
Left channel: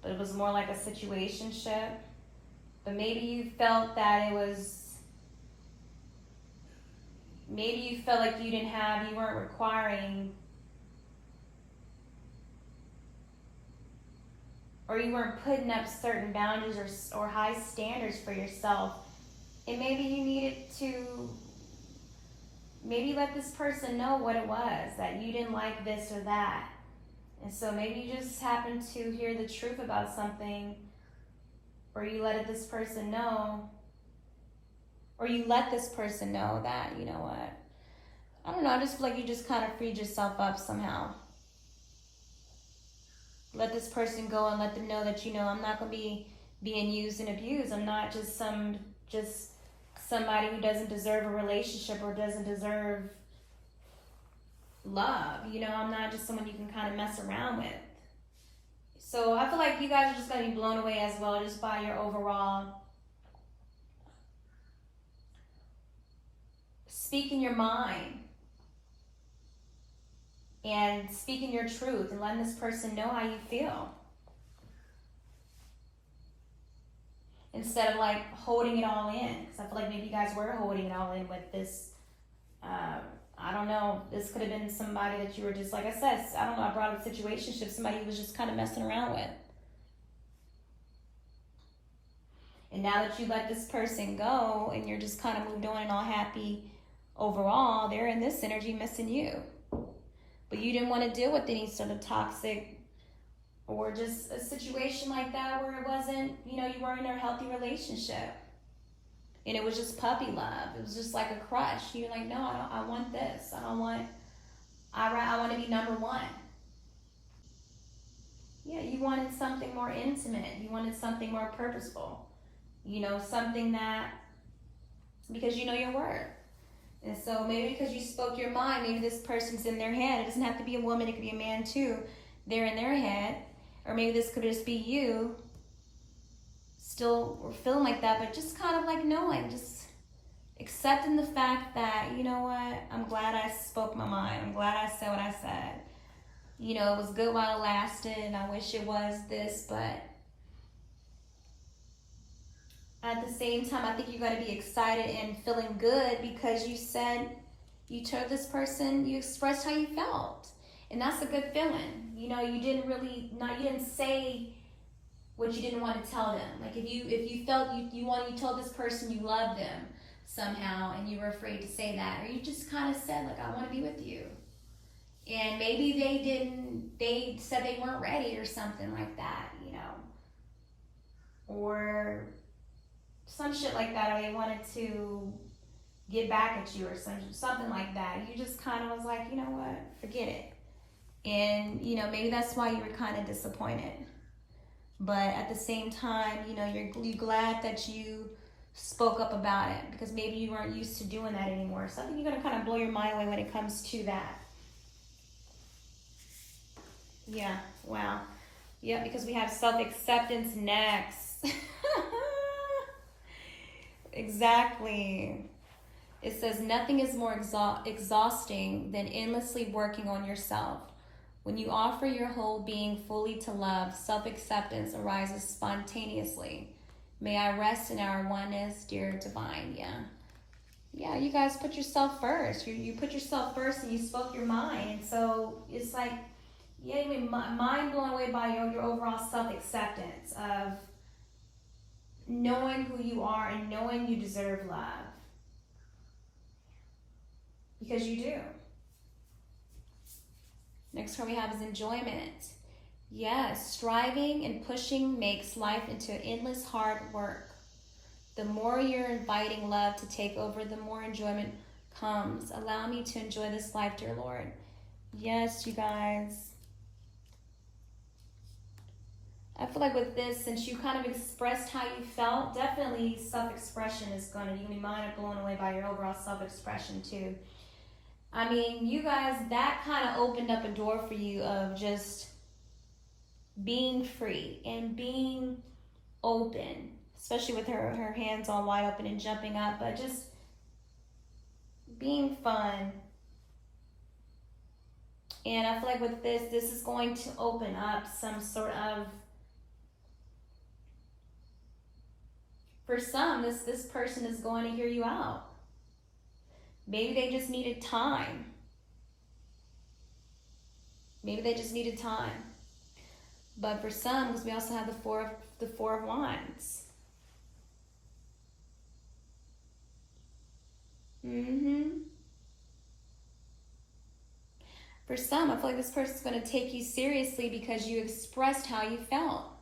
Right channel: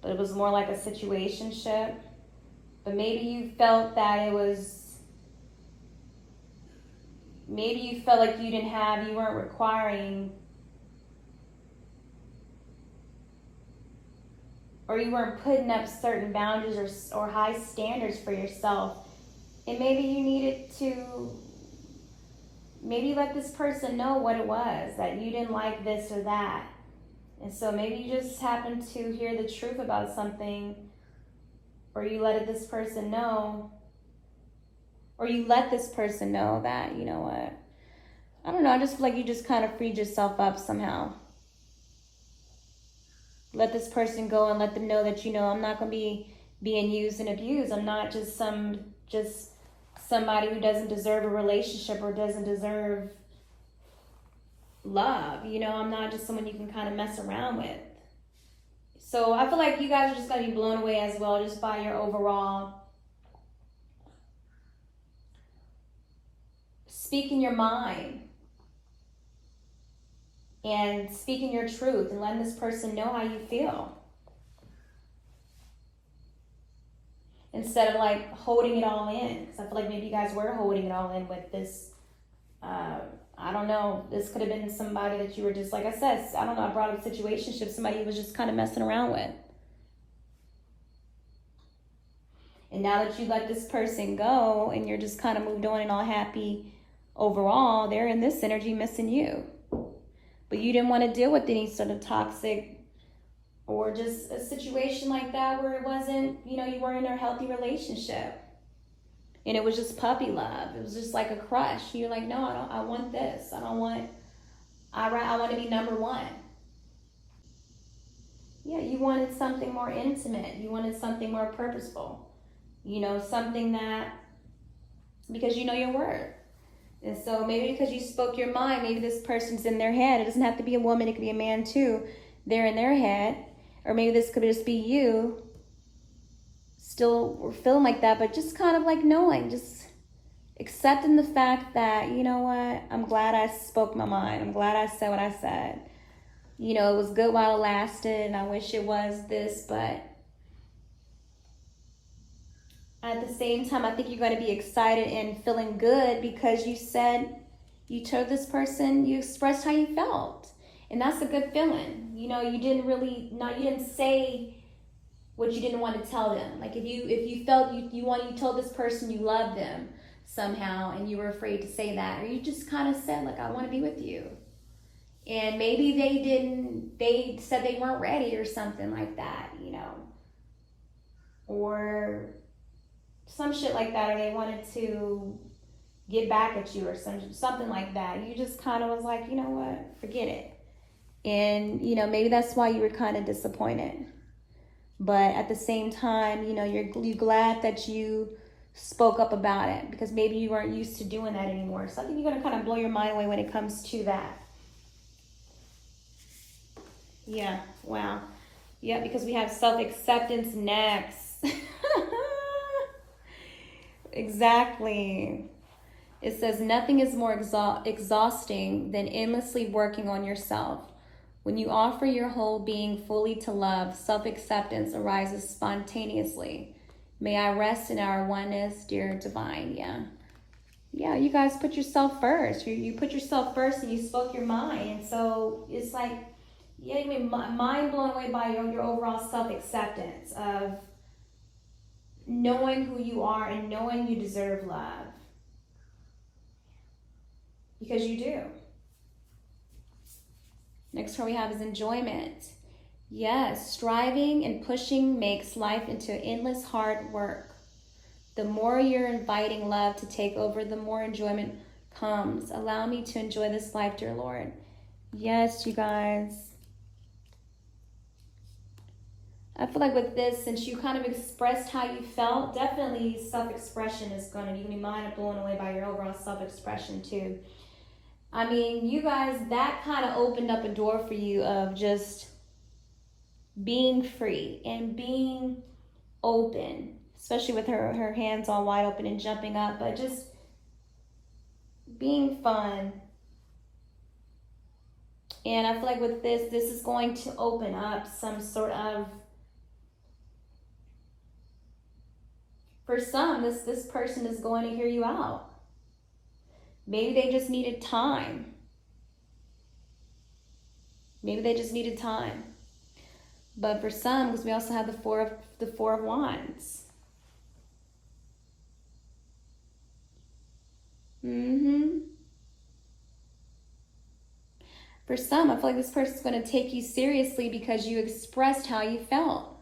but it was more like a situationship. But maybe you felt that it was, maybe you felt like you weren't requiring, or you weren't putting up certain boundaries or high standards for yourself. And maybe you needed to, maybe let this person know what it was, that you didn't like this or that. And so maybe you just happen to hear the truth about something, or you let this person know, or you let this person know that, you know what, I don't know, I just feel like you just kind of freed yourself up somehow. Let this person go and let them know that, you know, I'm not going to be being used and abused. I'm not just somebody who doesn't deserve a relationship or doesn't deserve love. You know, I'm not just someone you can kind of mess around with. So I feel like you guys are just going to be blown away as well, just by your overall speaking your mind and speaking your truth and letting this person know how you feel. Instead of like holding it all in. Because I feel like maybe you guys were holding it all in with this. I don't know. This could have been somebody that you were just, like I said, I don't know, I brought up a situationship, somebody you was just kind of messing around with. And now that you let this person go and you're just kind of moved on and all happy overall, they're in this energy missing you. But you didn't want to deal with any sort of toxic or just a situation like that where it wasn't, you know, you weren't in a healthy relationship. And it was just puppy love. It was just like a crush. You're like, no, I want this. I want to be number one. Yeah, you wanted something more intimate. You wanted something more purposeful. You know, something that, because you know your worth. And so maybe because you spoke your mind, maybe this person's in their head. It doesn't have to be a woman, it could be a man too. They're in their head. Or maybe this could just be you still feeling like that, but just kind of like knowing, just accepting the fact that, you know what, I'm glad I spoke my mind. I'm glad I said what I said. You know, it was good while it lasted, and I wish it was this, but at the same time, I think you're going to be excited and feeling good because you said, you told this person, you expressed how you felt. And that's a good feeling. You know, you didn't say what you didn't want to tell them. Like if you felt you told this person you loved them somehow and you were afraid to say that, or you just kind of said, like, I want to be with you. And maybe they said they weren't ready or something like that, you know. Or some shit like that, or they wanted to get back at you or something like that. You just kind of was like, you know what, forget it. And, you know, maybe that's why you were kind of disappointed. But at the same time, you know, you're glad that you spoke up about it because maybe you weren't used to doing that anymore. So I think you're going to kind of blow your mind away when it comes to that. Yeah, wow. Yeah, because we have self-acceptance next. Exactly. It says, nothing is more exhausting than endlessly working on yourself. When you offer your whole being fully to love, self-acceptance arises spontaneously. May I rest in our oneness, dear divine. Yeah, you guys put yourself first. You put yourself first and you spoke your mind. And so it's like, yeah, you mean mind blown away by your overall self-acceptance of knowing who you are and knowing you deserve love. Because you do. Next one we have is enjoyment. Yes, striving and pushing makes life into endless hard work. The more you're inviting love to take over, the more enjoyment comes. Allow me to enjoy this life, dear Lord. Yes, you guys. I feel like with this, since you kind of expressed how you felt, definitely self-expression is going to, you can be mind blown away by your overall self-expression too. I mean, you guys, that kind of opened up a door for you of just being free and being open, especially with her hands all wide open and jumping up, but just being fun. And I feel like with this is going to open up some sort of, for some, this person is going to hear you out. Maybe they just needed time. Maybe they just needed time. But for some, because we also have the four of wands. For some, I feel like this person's going to take you seriously because you expressed how you felt.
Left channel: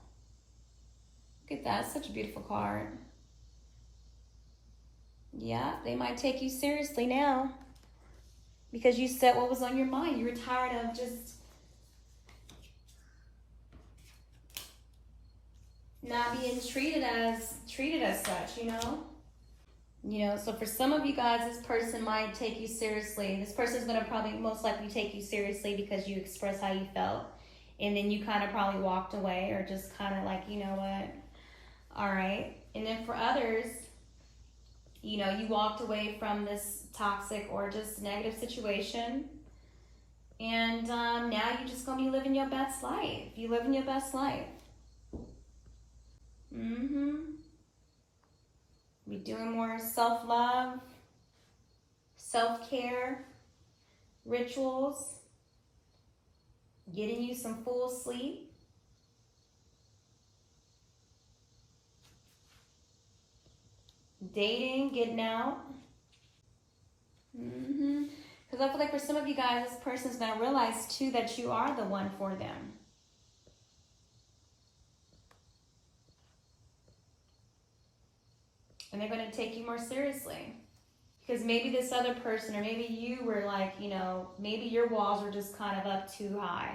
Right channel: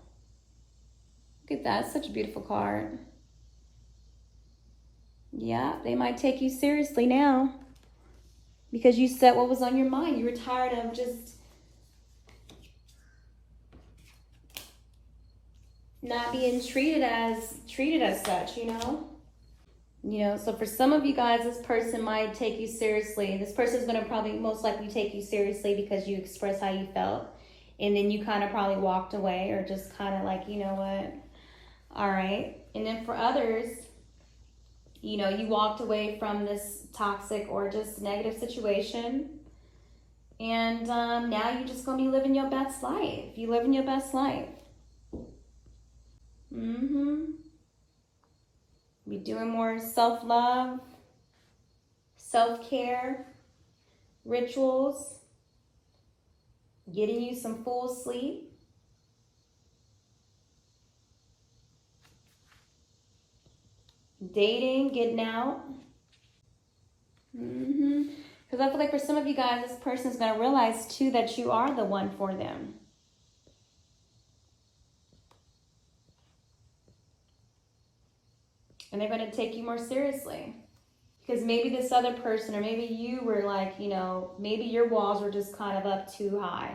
Look at that, such a beautiful card. Yeah, they might take you seriously now because you said what was on your mind. You were tired of just not being treated as such, you know? You know, so for some of you guys, this person might take you seriously. This person is going to probably most likely take you seriously because you expressed how you felt. And then you kind of probably walked away or just kind of like, you know what? All right. And then for others, you know, you walked away from this toxic or just negative situation. And now you're just going to be living your best life. You living your best life. Be doing more self-love, self-care, rituals, getting you some full sleep. Dating, getting out. Because I feel like for some of you guys, this person's going to realize too that you are the one for them. And they're going to take you more seriously. Because maybe this other person, or maybe you were like, you know, maybe your walls were just kind of up too high.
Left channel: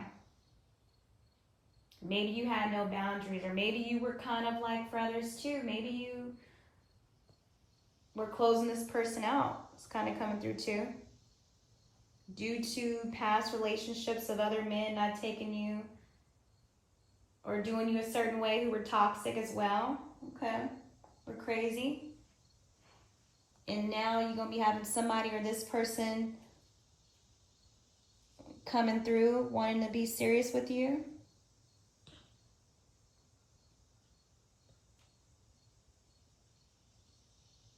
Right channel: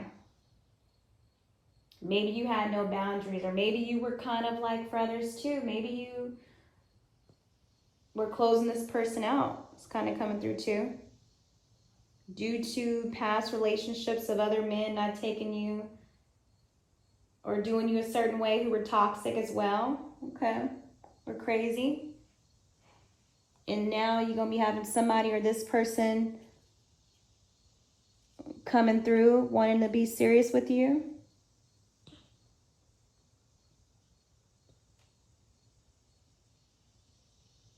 Maybe you had no boundaries, or maybe you were kind of like for others too. Maybe you were closing this person out. It's kind of coming through too. Due to past relationships of other men not taking you or doing you a certain way who were toxic as well. Okay. Or crazy. And now you're going to be having somebody or this person coming through wanting to be serious with you.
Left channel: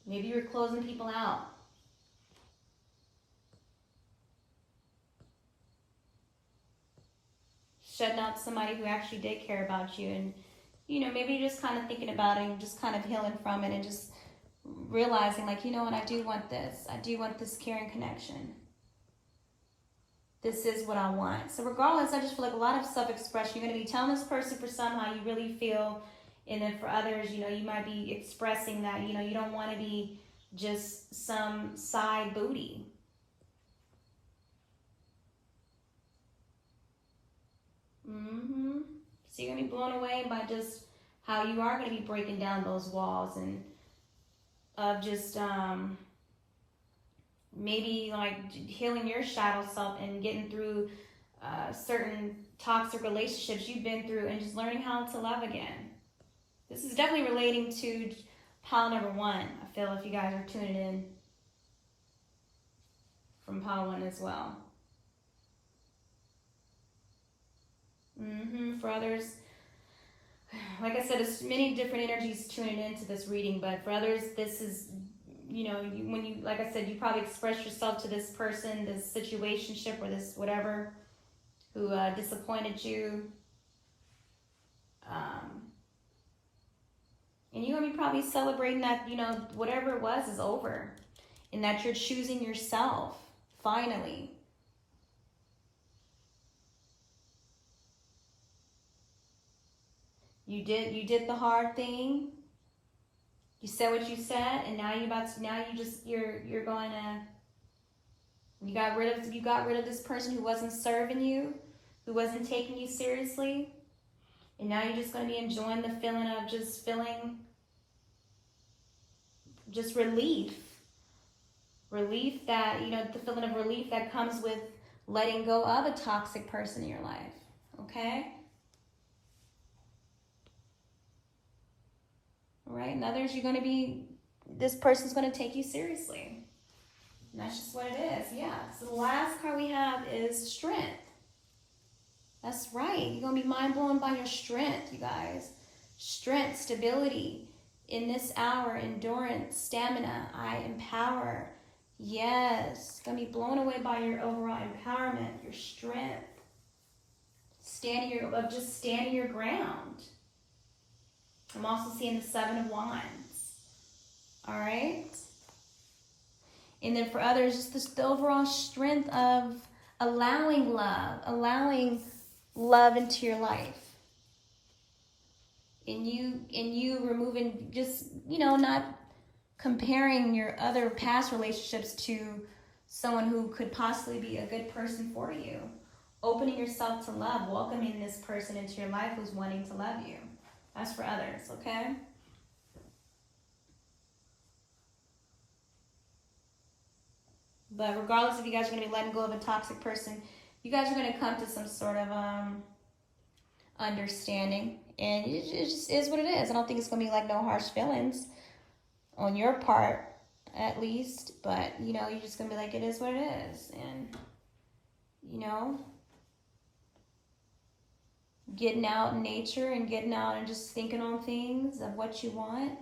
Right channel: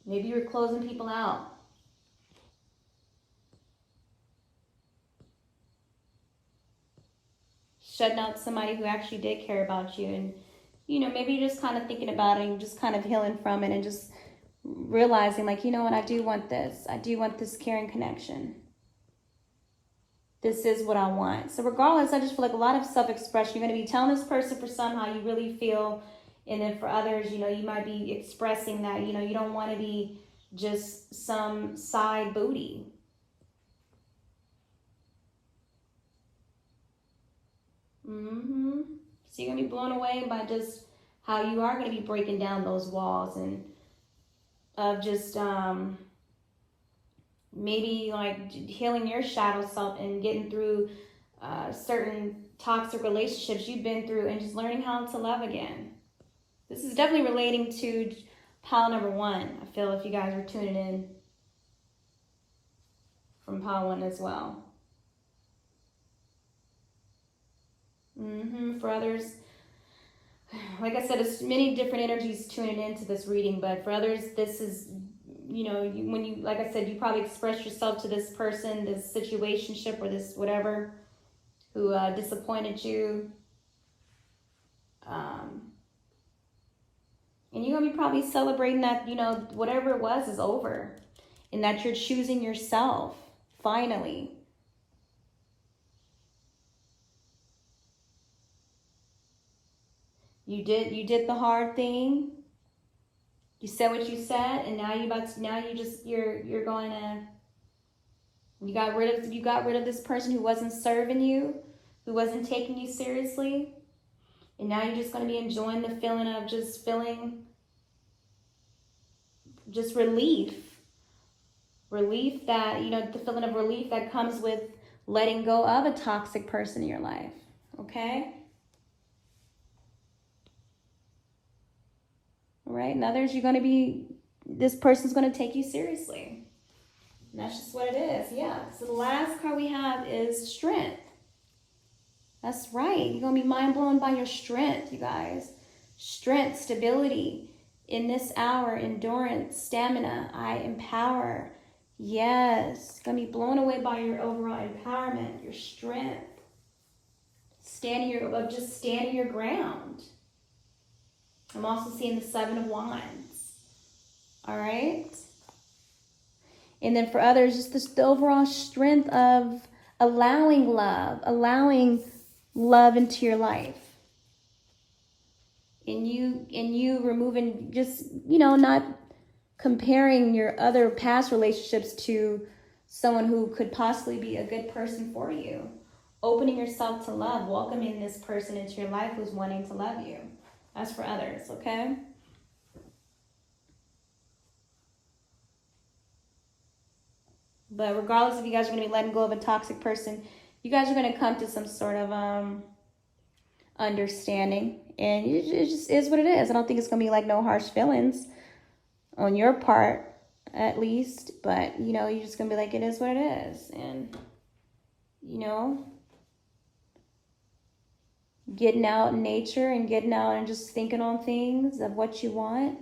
Maybe you're closing people out. Shutting out somebody who actually did care about you. And, you know, maybe you're just kind of thinking about it and just kind of healing from it and just realizing like, you know what, I do want this. I do want this caring connection. This is what I want. So regardless, I just feel like a lot of self-expression. You're going to be telling this person for some how you really feel. And then for others, you know, you might be expressing that, you know, you don't want to be just some side booty. So you're going to be blown away by just how you are going to be breaking down those walls and of just maybe like healing your shadow self and getting through certain toxic relationships you've been through and just learning how to love again. This is definitely relating to pile number 1. I feel if you guys are tuning in from pile 1 as well. For others, like I said, there's many different energies tuning into this reading, but for others, this is, you know, when you, like I said, you probably express yourself to this person, this situationship, or this whatever, who disappointed you. And you're going to be probably celebrating that, you know, whatever it was is over. And that you're choosing yourself, finally. You did the hard thing. You said what you said, and now you're going to, you got rid of this person who wasn't serving you, who wasn't taking you seriously. And now you're just going to be enjoying the feeling of just feeling just relief. Relief that, you know, the feeling of relief that comes with letting go of a toxic person in your life. Okay? All right? And others, this person's going to take you seriously. And that's just what it is. Yeah. So the last card we have is strength. That's right. You're going to be mind blown by your strength, you guys. Strength, stability. In this hour, endurance, stamina, I empower. Yes. Going to be blown away by your overall empowerment, your strength. Standing your ground. I'm also seeing the 7 of Wands. All right. And then for others, just the overall strength of allowing love into your life. And you removing, just, not comparing your other past relationships to someone who could possibly be a good person for you. Opening yourself to love, welcoming this person into your life who's wanting to love you. That's for others, okay? But regardless if you guys are going to be letting go of a toxic person, you guys are going to come to some sort of understanding. And it just is what it is. I don't think it's going to be like no harsh feelings on your part, at least. But, you're just going to be like, it is what it is. And, getting out in nature and getting out and just thinking on things of what you want.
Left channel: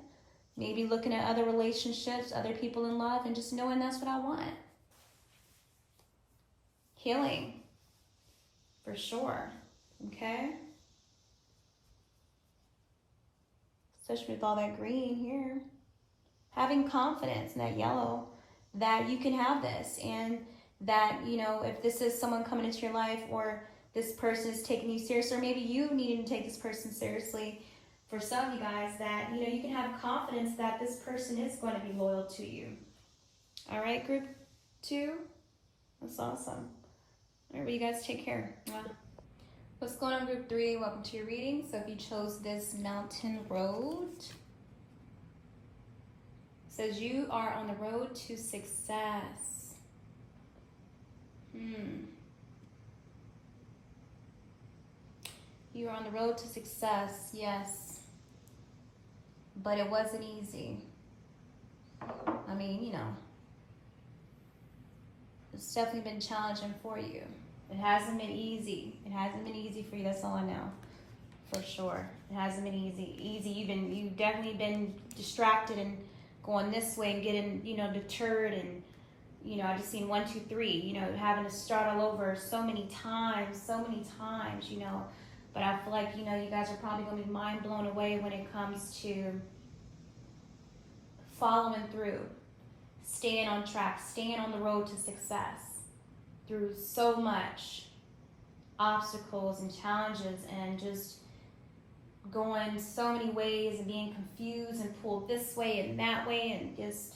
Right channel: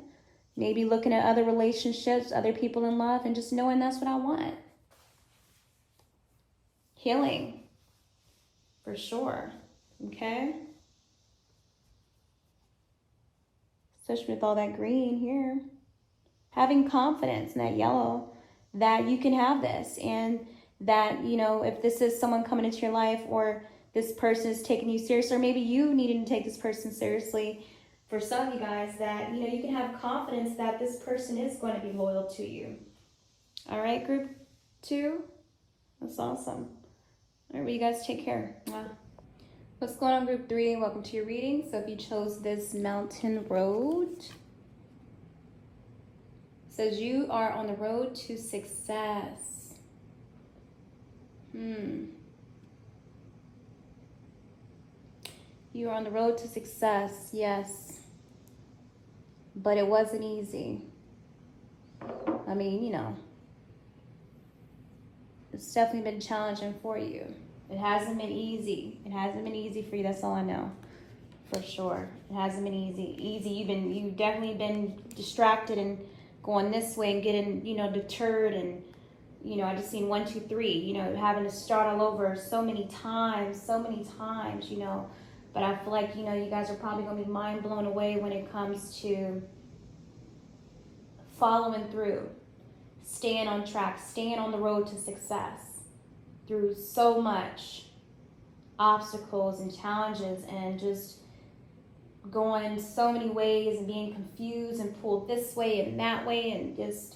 Maybe looking at other relationships, other people in love, and just knowing that's what I want. Healing, for sure, okay? Especially with all that green here. Having confidence in that yellow, that you can have this, and that, if this is someone coming into your life, or this person is taking you seriously, or maybe you needing to take this person seriously, for some of you guys, that, you can have confidence that this person is going to be loyal to you. All right, group 2? That's awesome. All right, well, you guys take care. What's going on, group 3? Welcome to your reading. So if you chose this mountain road, it says you are on the road to success. You are on the road to success, yes. But it wasn't easy. I mean, it's definitely been challenging for you. It hasn't been easy. It hasn't been easy for you. That's all I know, for sure. It hasn't been easy. You've definitely been distracted and going this way and getting, deterred, and I just seen 1, 2, 3. Having to start all over so many times. But I feel like you guys are probably gonna be mind blown away when it comes to following through, staying on track, staying on the road to success through so much obstacles and challenges, and just going so many ways and being confused and pulled this way and that way, and just,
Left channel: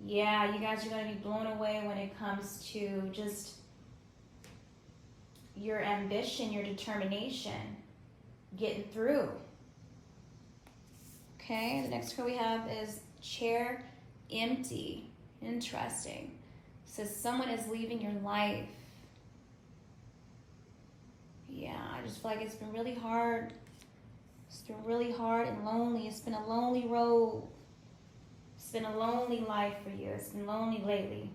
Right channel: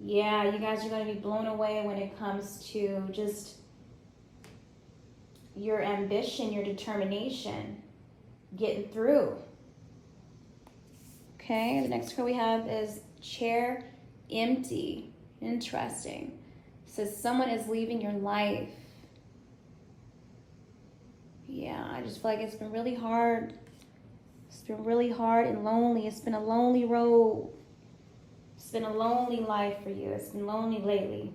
yeah, you guys are going to be blown away when it comes to just your ambition, your determination, getting through. Okay, the next card we have is chair empty. Interesting. It says someone is leaving your life. Yeah, I just feel like it's been really hard. It's been really hard and lonely. It's been a lonely road. It's been a lonely life for you. It's been lonely lately.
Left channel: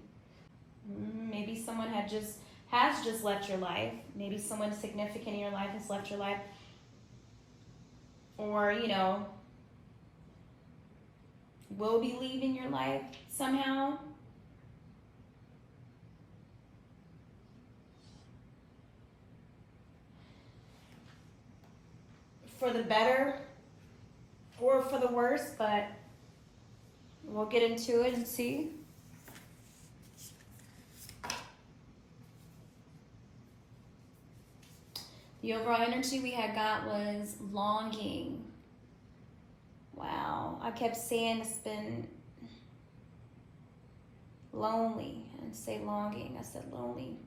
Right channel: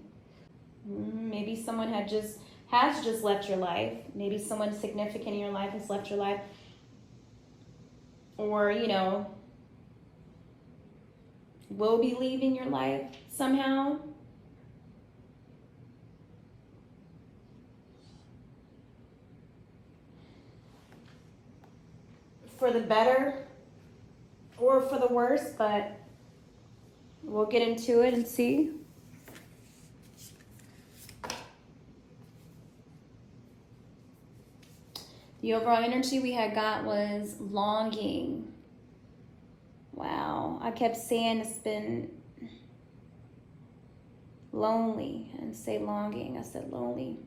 Maybe someone has just left your life. Maybe someone significant in your life has left your life. Or, will be leaving your life somehow. For the better or for the worse, but we'll get into it and see. The overall energy we had got was longing. Wow, I kept saying it's been lonely. I didn't say longing, I said lonely.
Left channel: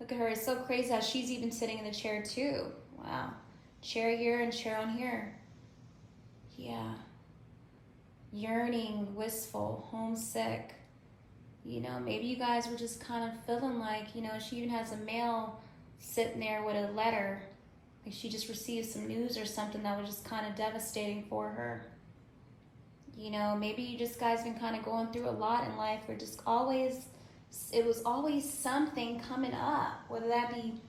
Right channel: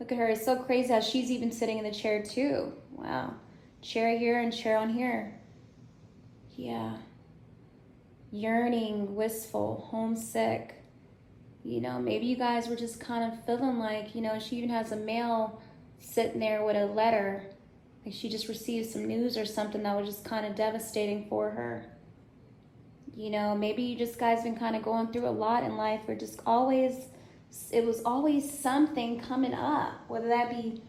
Look at her, it's so crazy how she's even sitting in the chair too. Wow, chair here and chair on here. Yeah, yearning, wistful, homesick. Maybe you guys were just kind of feeling like, she even has a mail sitting there with a letter. Like she just received some news or something that was just kind of devastating for her. Maybe you just guys been kind of going through a lot in life where just it was always something coming up, whether that be,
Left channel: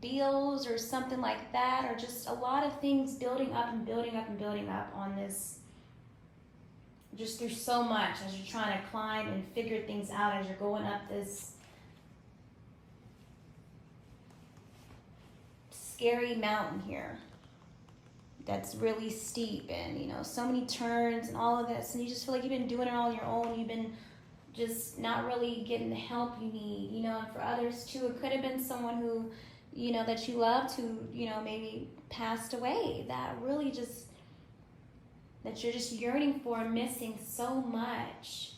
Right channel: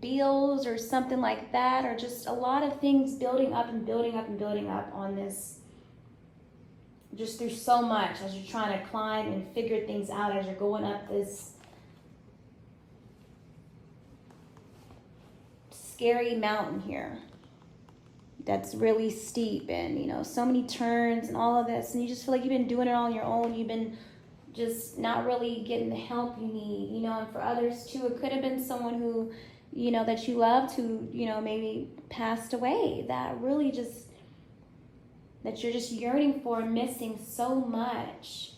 bills or something like that, or just a lot of things building up and building up and building up on this, just through so much as you're trying to climb and figure things out as you're going up this scary mountain here that's really steep, and so many turns and all of this, and you just feel like you've been doing it all on your own. You've been just not really getting the help you need, you know. And for others too, it could have been someone who, you know, that you loved who, you know, maybe passed away, that really just, that you're just yearning for and missing so much.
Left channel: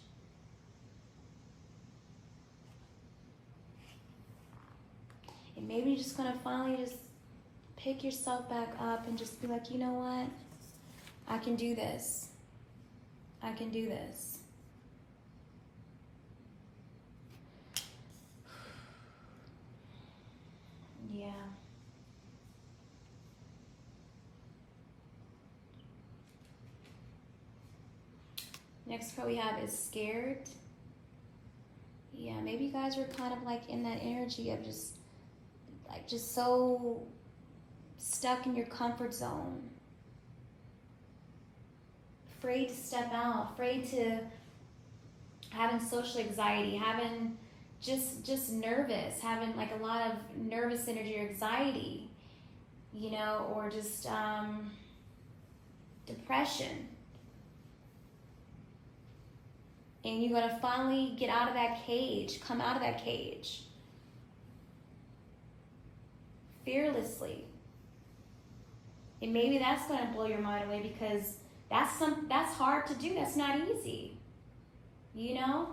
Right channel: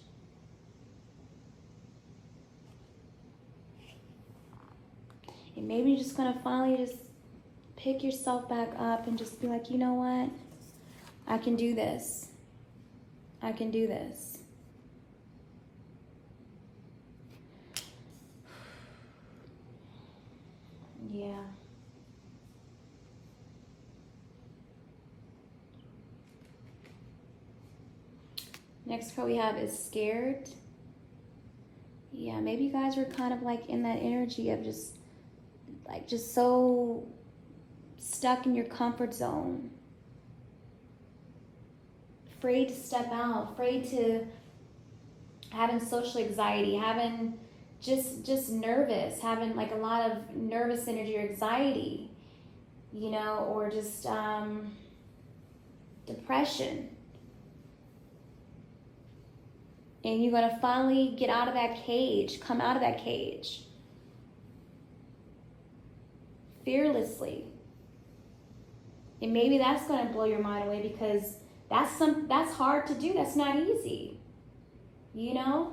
And maybe you're just gonna finally just pick yourself back up and just be like, you know what? I can do this. I can do this. Yeah. Next card we have is scared. Yeah, maybe you guys were kind of like in that energy of just so stuck in your comfort zone. Afraid to step out, afraid to, having social anxiety, having just nervous, having like a lot of nervous energy or anxiety, you know, or just depression. And you're going to finally get out of that cage, come out of that cage. Fearlessly. And maybe that's going to blow your mind away, because that's hard to do. That's not easy. You know?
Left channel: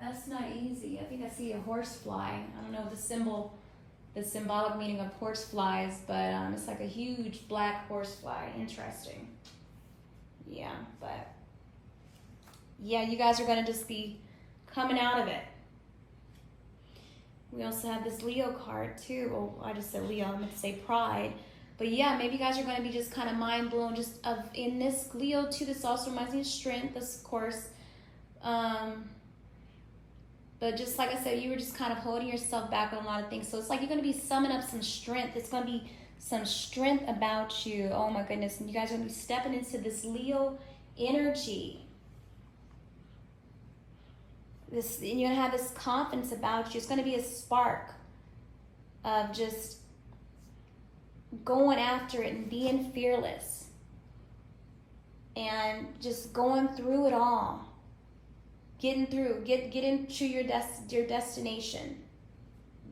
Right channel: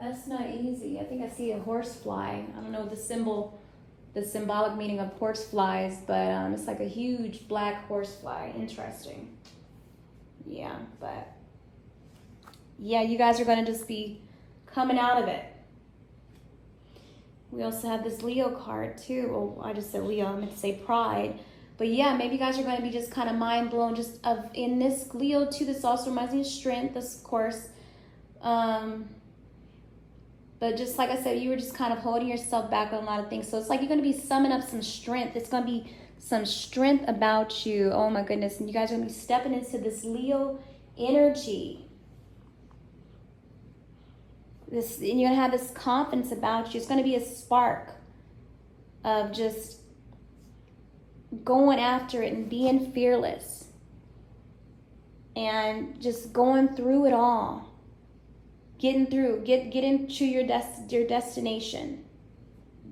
That's not easy. I think I see a horsefly. I don't know the symbolic meaning of horseflies, but it's like a huge black horsefly. Interesting. Yeah, but yeah, you guys are going to just be coming out of it. We also have this Leo card too. Oh, I just said Leo, I meant to say pride. But yeah, maybe you guys are going to be just kind of mind blown just of in this Leo too. This also reminds me of strength, this of course. But just like I said, you were just kind of holding yourself back on a lot of things. So it's like you're going to be summing up some strength. It's going to be some strength about you. Oh my goodness. And you guys are going to be stepping into this Leo energy. And you're going to have this confidence about you. It's going to be a spark of just going after it and being fearless. And just going through it all. Getting through, get into your destination.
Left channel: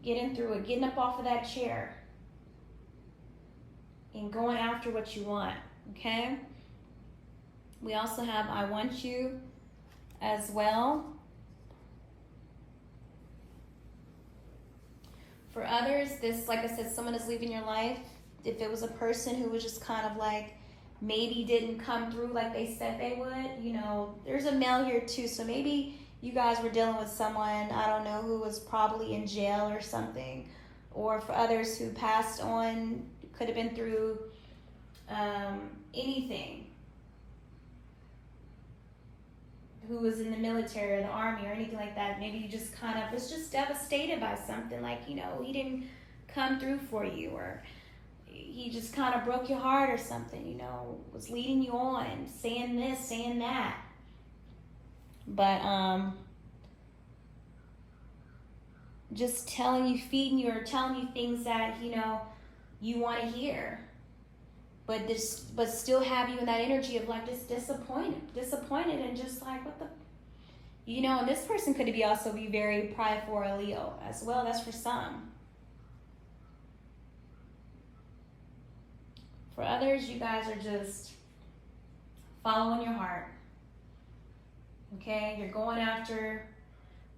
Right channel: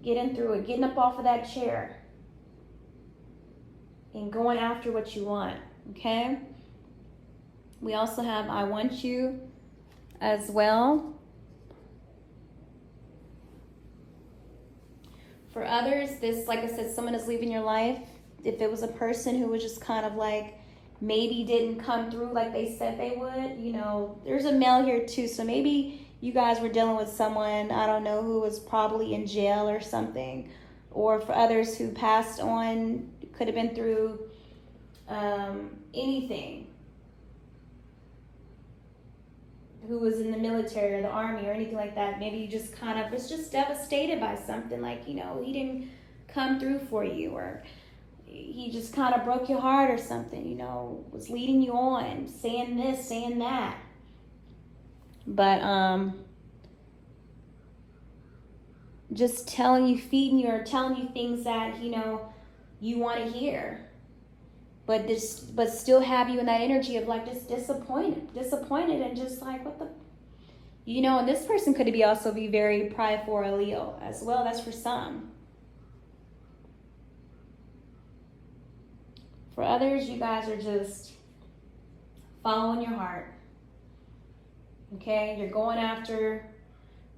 Getting through it, getting up off of that chair. And going after what you want, okay? We also have I want you as well. For others, this, like I said, someone is leaving your life. If it was a person who was just kind of like, maybe didn't come through like they said they would, you know, there's a male here too, so maybe you guys were dealing with someone, I don't know, who was probably in jail or something, or for others who passed on, could have been through anything, who was in the military or the army or anything like that. Maybe you just kind of was just devastated by something, like, you know, he didn't come through for you, or he just kind of broke your heart or something, you know, was leading you on, saying this, saying that. But just telling you, feeding you, or telling you things that, you know, you want to hear. But still have you in that energy of like just disappointed and just like, what the, you know. And this person could also be very prideful or a Leo as well. That's for some. For others, you guys are just following your heart. Okay? You're going after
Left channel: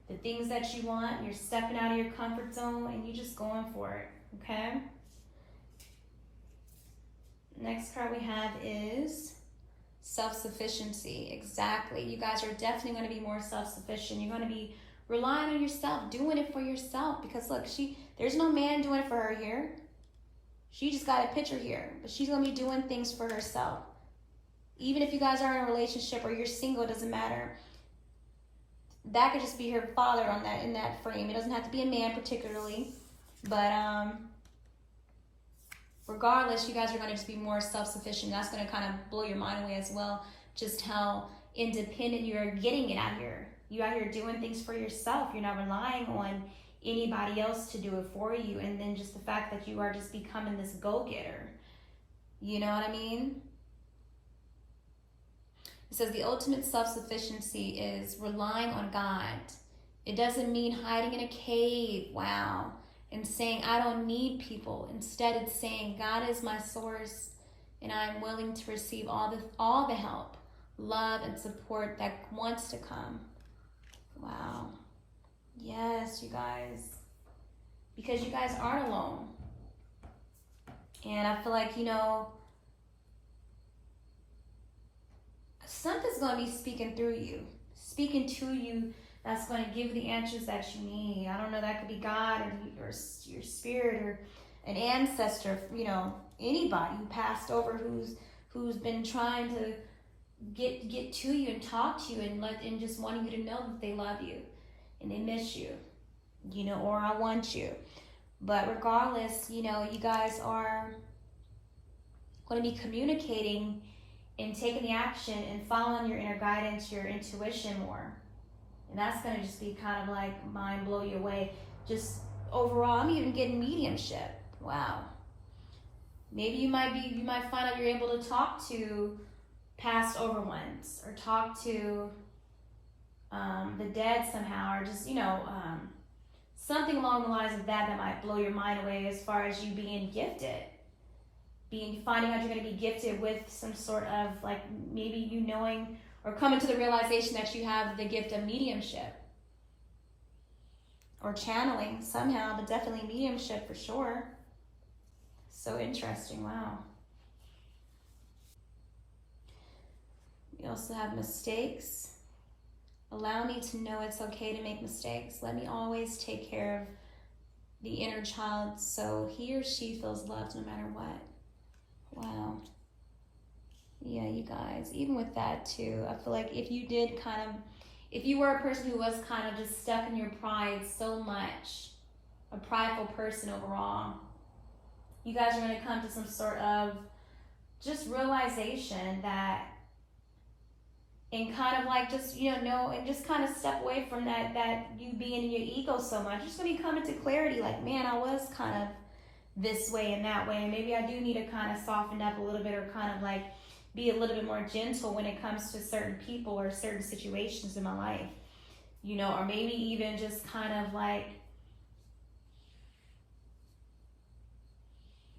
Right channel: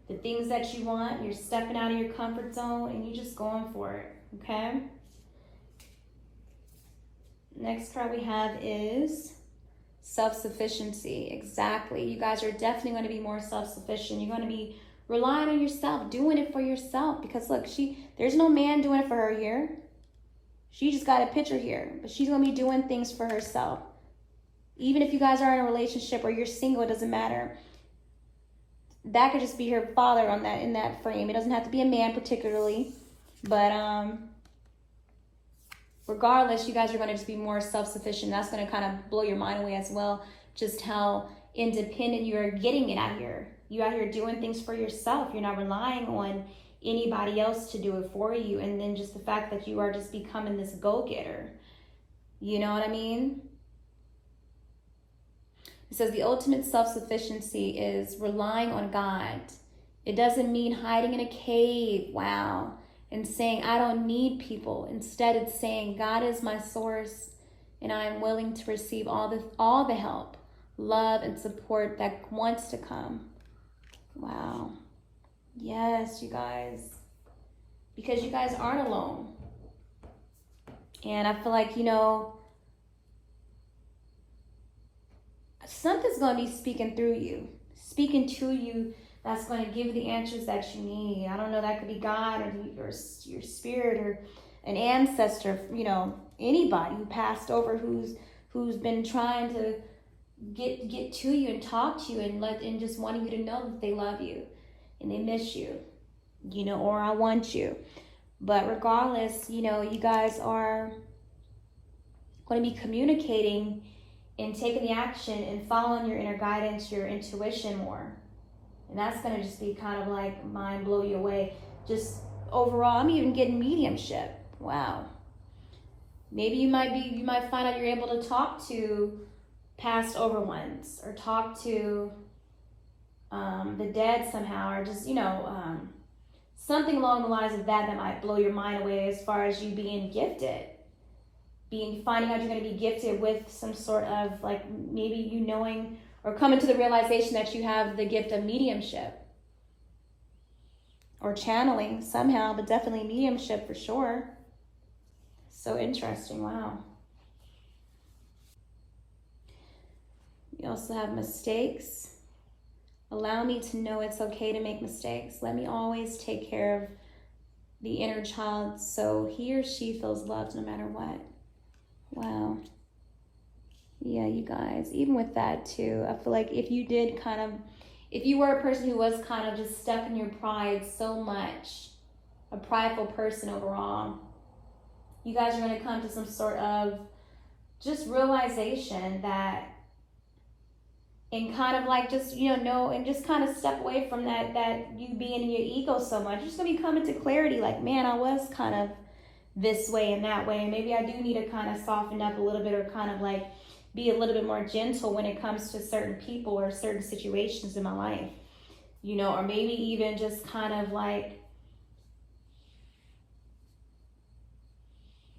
the things that you want. You're stepping out of your comfort zone and you're just going for it. Okay? Next card we have is self-sufficiency. Exactly. You guys are definitely going to be more self-sufficient. You're going to be relying on yourself, doing it for yourself. Because look, there's no man doing it for her here. She just got a picture here, but she's going to be doing things for herself. Even if you guys are in a relationship or you're single, it doesn't matter. That could just be her father in that frame. It doesn't have to be a man particularly, but regardless, you guys are going to just be more self-sufficient. That's going to kind of blow your mind away as well, just how independent you're getting it out here. You're out here doing things for yourself. You're not relying on anybody else to do it for you. And then just the fact that you are just becoming this go-getter. You know what I mean? It says the ultimate self-sufficiency is relying on God. It doesn't mean hiding in a cave, wow, and saying, I don't need people. Instead, it's saying, God is my source, and I am willing to receive all the help, love, and support that wants to come. Wow. Yes, you guys. Because you guys aren't alone. And I feel like, something's going to be speaking through you, speaking to you, that's going to give the answers that you need. I don't know, that could be God or your spirit or an ancestor, anybody who passed over who's been trying to get to you and talk to you and just wanting you to know that they love you and they miss you, or I want you. But regardless, you guys are going to be communicating and taking the action and following your inner guidance, your intuition more. And that's going to just be kind of like mind blow you away. Just overall, I'm even getting mediumship. Wow. Maybe you might find out you're able to talk to past over ones or talk to the dead somehow, or just, something along the lines of that might blow your mind away as far as you being gifted. Finding out you're going to be gifted with some sort of, like, maybe you knowing or coming to the realization that you have the gift of mediumship or channeling somehow, but definitely mediumship for sure. So interesting. Wow. We also have mistakes. Allow me to know it's okay to make mistakes. Let me always take care of the inner child so he or she feels loved no matter what. Wow. Yeah, you guys, even with that too, I feel like if you were a person who was kind of just stuck in your pride so much, a prideful person overall, you guys are going to come to some sort of just realization that, and kind of like just, know, and just kind of step away from that you being in your ego so much. You're just going to be coming to clarity like, man, I was kind of this way and that way. Maybe I do need to kind of soften up a little bit or kind of like be a little bit more gentle when it comes to certain people or certain situations in my life, or maybe even just kind of like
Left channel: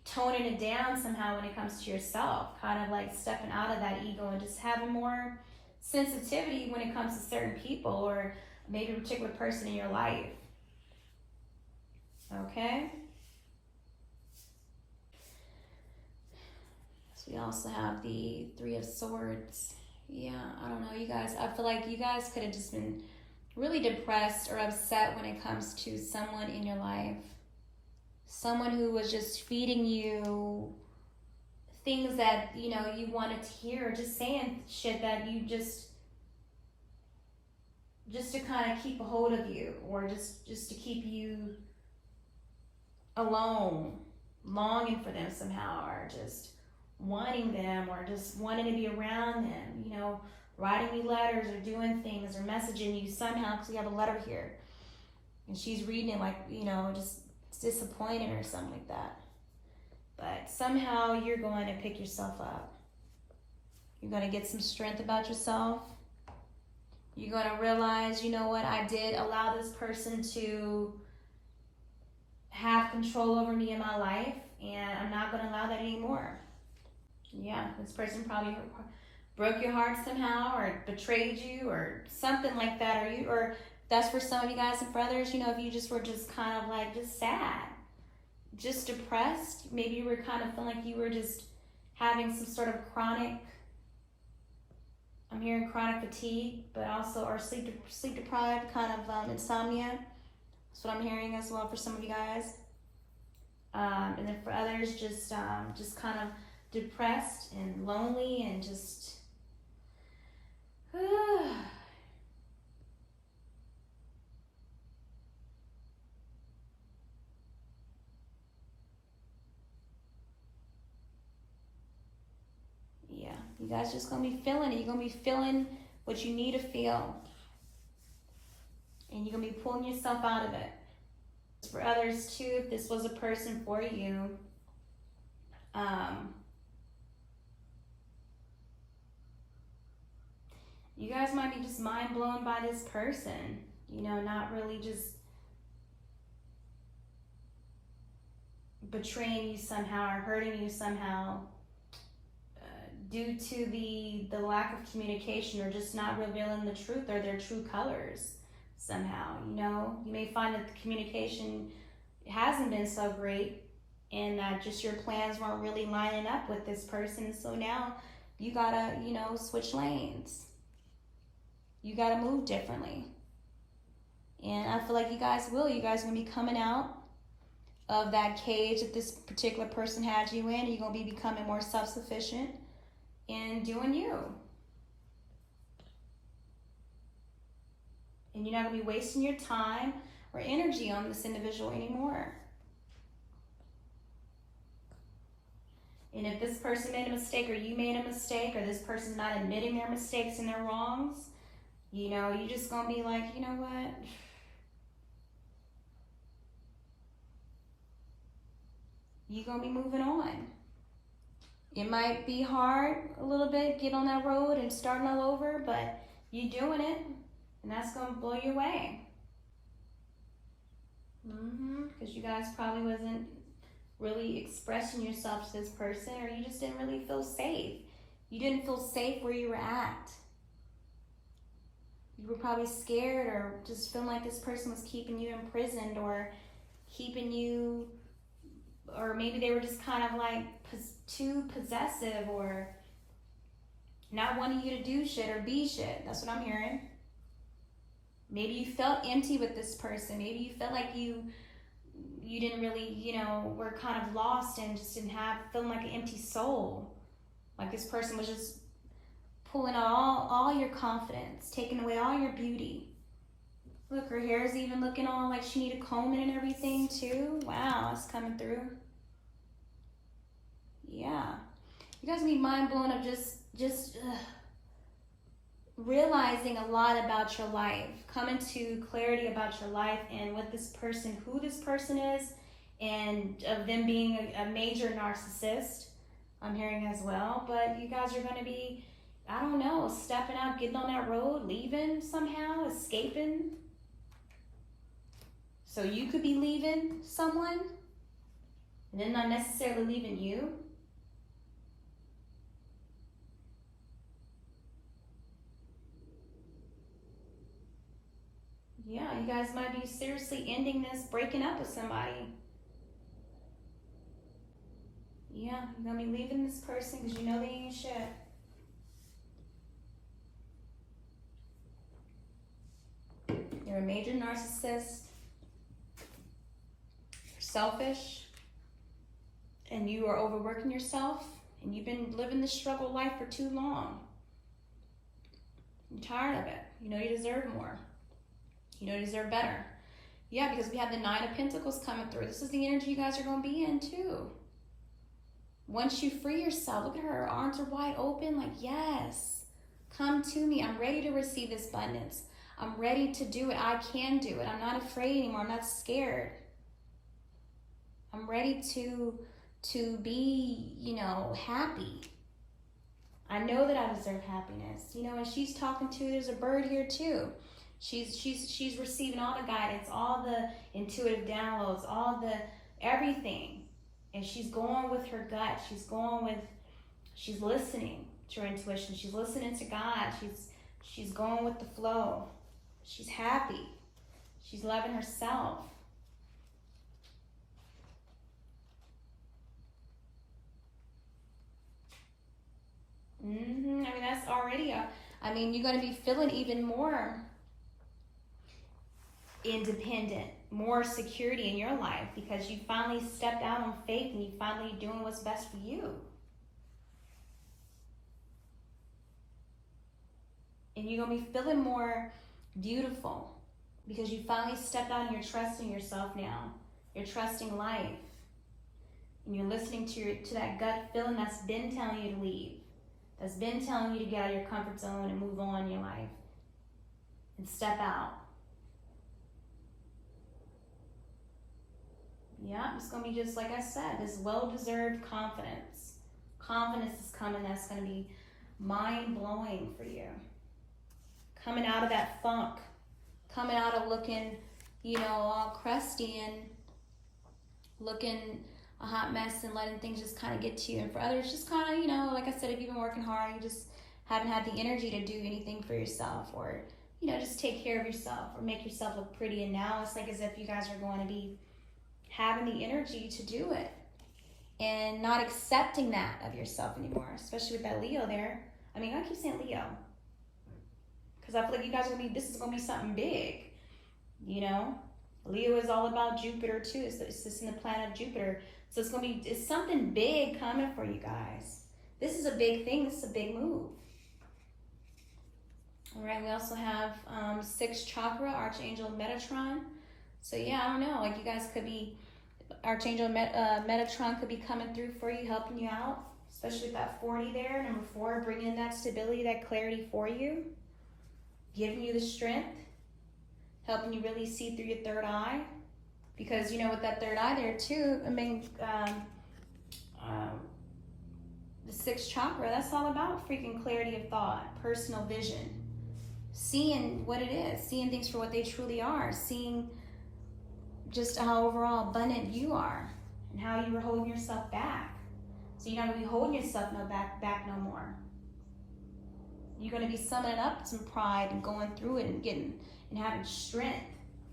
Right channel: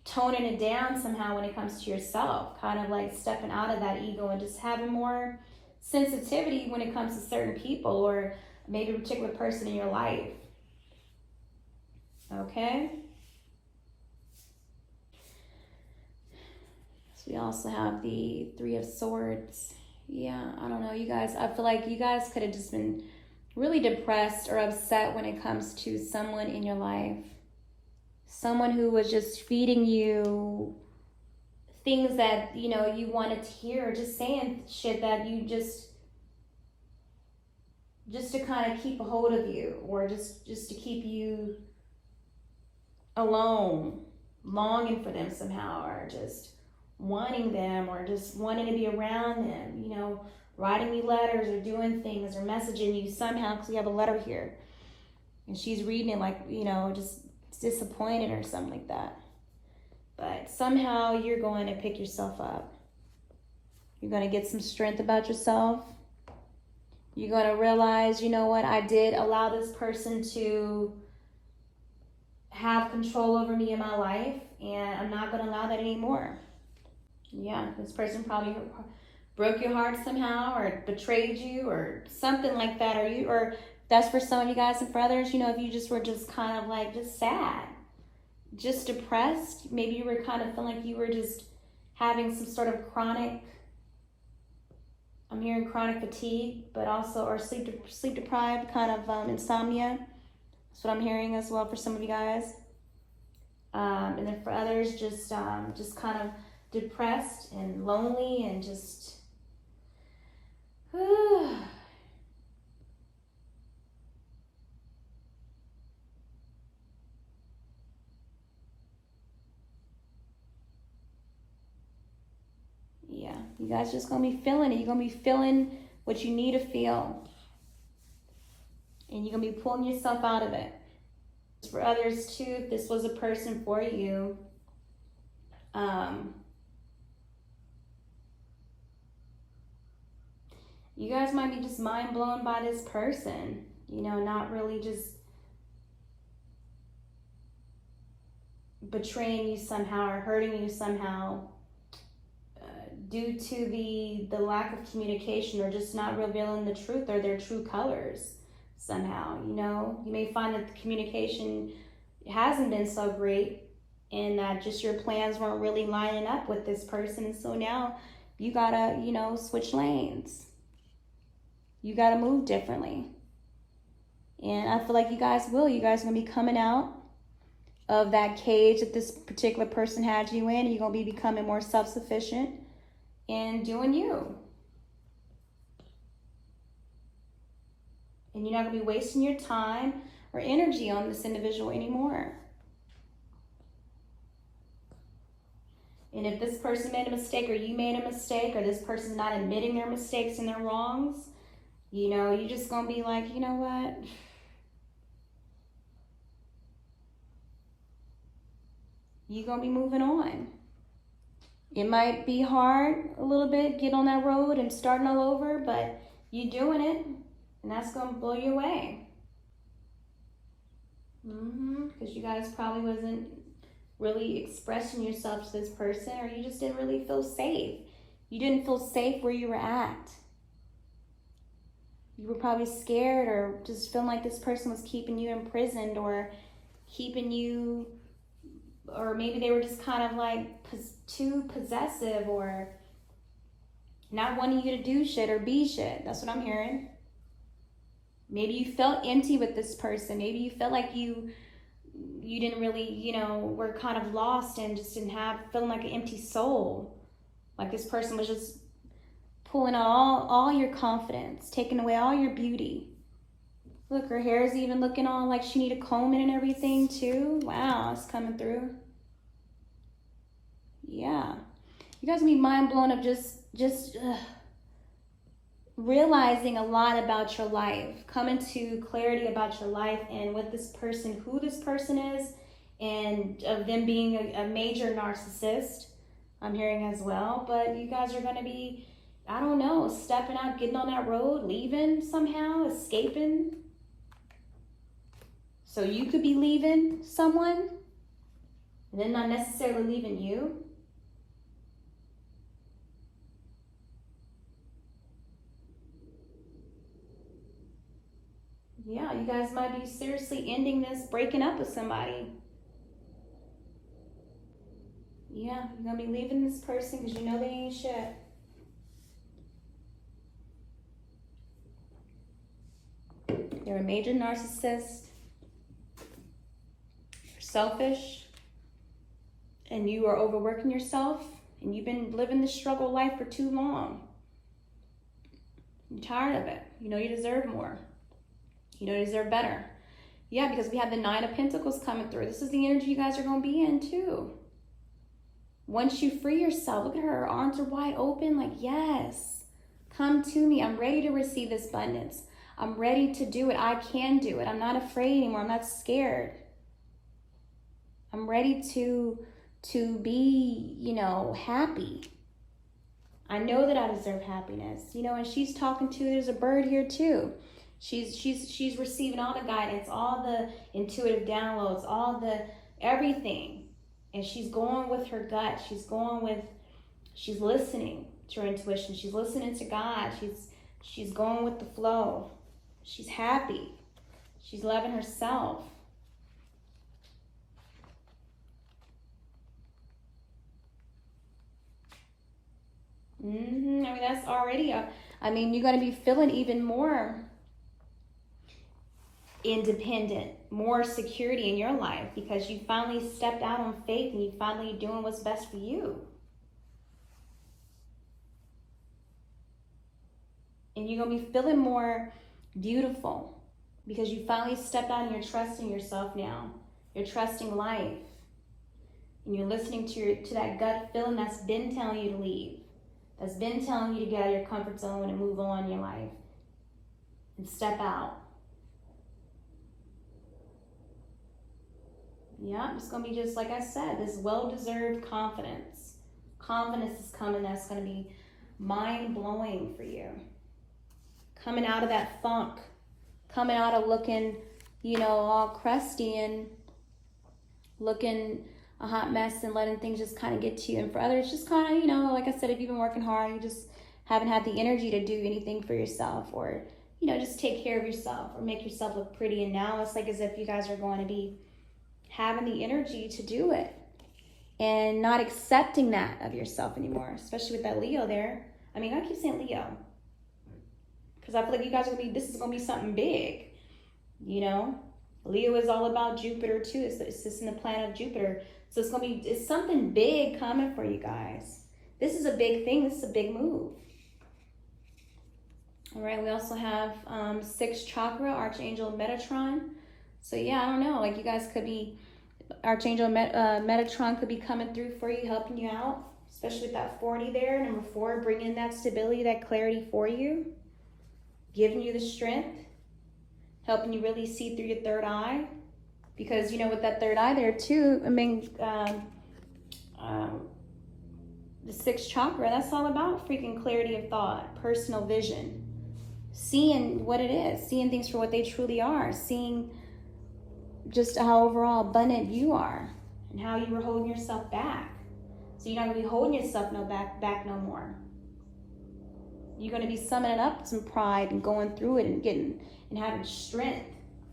toning it down somehow when it comes to yourself, kind of like stepping out of that ego and just having more sensitivity when it comes to certain people or maybe a particular person in your life. Okay? So we also have the Three of Swords. Yeah, I don't know, you guys. I feel like you guys could have just been really depressed or upset when it comes to someone in your life. Someone who was just feeding you things that, you wanted to hear, just saying shit that you just to kind of keep a hold of you, or just to keep you alone, longing for them somehow, or just wanting them, or just wanting to be around them, writing me letters or doing things or messaging you somehow, because we have a letter here. And she's reading it like, just disappointed or something like that. But somehow you're going to pick yourself up. You're going to get some strength about yourself. You're going to realize, you know what, I did allow this person to have control over me in my life, and I'm not going to allow that anymore. Yeah, this person probably broke your heart somehow, or betrayed you, or something like that, or that's for some of you guys and brothers, if you just were just kind of like just sad, just depressed, maybe you were kind of feeling like you were just having some sort of chronic, I'm hearing chronic fatigue, but also, or sleep deprived, kind of insomnia. That's what I'm hearing as well for some of you guys. And then for others, just kind of depressed and lonely and just, yeah, you guys just gonna be feeling it. You're gonna be feeling what you need to feel, and you're gonna be pulling yourself out of it. For others too, if this was a person for you, You guys might be just mind blown by this person, you know, not really just betraying you somehow or hurting you somehow due to the lack of communication or just not revealing the truth or their true colors somehow. You know, you may find that the communication hasn't been so great and that just your plans weren't really lining up with this person. So now you gotta, you know, switch lanes. You gotta move differently. And I feel like you guys will. You guys are gonna be coming out of that cage that this particular person had you in. You're gonna be becoming more self-sufficient and doing you. And you're not gonna be wasting your time or energy on this individual anymore. And if this person made a mistake or you made a mistake or this person's not admitting their mistakes and their wrongs, you know, you're just gonna be like, you know what? You're gonna be moving on. It might be hard a little bit, get on that road and starting all over, but you're doing it, and that's gonna blow you away. Because you guys probably wasn't really expressing yourself to this person, or you just didn't really feel safe. You didn't feel safe where you were at. You were probably scared or just feeling like this person was keeping you imprisoned or keeping you, or maybe they were just kind of like too possessive or not wanting you to do shit or be shit. That's what I'm hearing. Maybe you felt empty with this person. Maybe you felt like you didn't really, you know, were kind of lost and just didn't have, feeling like an empty soul. Like this person was just pulling all your confidence, taking away all your beauty. Look, her hair is even looking all like she need a comb in and everything too. Wow, it's coming through. Yeah. You guys be mind blown of just realizing a lot about your life, coming to clarity about your life and what this person, who this person is, and of them being a major narcissist, I'm hearing as well. But you guys are going to be, I don't know, stepping out, getting on that road, leaving somehow, escaping. So you could be leaving someone, and then not necessarily leaving you. Yeah, you guys might be seriously ending this, breaking up with somebody. Yeah, you're going to be leaving this person because you know they ain't shit. You're a major narcissist. You're selfish. And you are overworking yourself. And you've been living this struggle life for too long. You're tired of it. You know you deserve more. You know you deserve better. Yeah, because we have the Nine of Pentacles coming through. This is the energy you guys are going to be in too. Once you free yourself, look at her. Her arms are wide open like, yes, come to me. I'm ready to receive this abundance. I'm ready to do it. I can do it. I'm not afraid anymore. I'm not scared. I'm ready to be, you know, happy. I know that I deserve happiness. You know, and she's talking to, there's a bird here too. She's receiving all the guidance, all the intuitive downloads, all the everything. And she's going with her gut. She's listening to her intuition. She's listening to God. She's going with the flow. She's happy. She's loving herself. I mean, that's already you're going to be feeling even more independent, more security in your life because you finally stepped out on faith and you finally doing what's best for you. And you're going to be feeling more beautiful because you finally stepped out and you're trusting yourself now. You're trusting life. And you're listening to that gut feeling that's been telling you to leave. That's been telling you to get out of your comfort zone and move on in your life. And step out. Yeah, it's going to be just like I said, this well-deserved confidence. Confidence is coming that's going to be mind-blowing for you. coming out of that funk, coming out of looking, you know, all crusty and looking a hot mess and letting things just kind of get to you. And for others, just kind of, you know, like I said, if you've been working hard, you just haven't had the energy to do anything for yourself, or, you know, just take care of yourself or make yourself look pretty. And now it's like as if you guys are going to be having the energy to do it and not accepting that of yourself anymore, especially with that Leo there. I mean, I keep saying Leo because I feel like you guys are going to be, this is going to be something big, you know. Leo is all about Jupiter too. It's just in the planet of Jupiter. So it's going to be, it's something big coming for you guys. This is a big thing. This is a big move. All right, we also have 6th chakra, Archangel Metatron. So yeah, I don't know, like you guys could be, Archangel Metatron could be coming through for you, helping you out, especially with that 40 there. Number 4, bringing that stability, that clarity for you, giving you the strength, helping you really see through your third eye. Because, you know, with that third eye there too, I mean, the 6th chakra, that's all about freaking clarity of thought, personal vision, seeing what it is, seeing things for what they truly are, seeing just how overall abundant you are and how you were holding yourself back. So you're not going to be holding yourself back no more. You're going to be summoning up some pride and going through it and getting and having strength,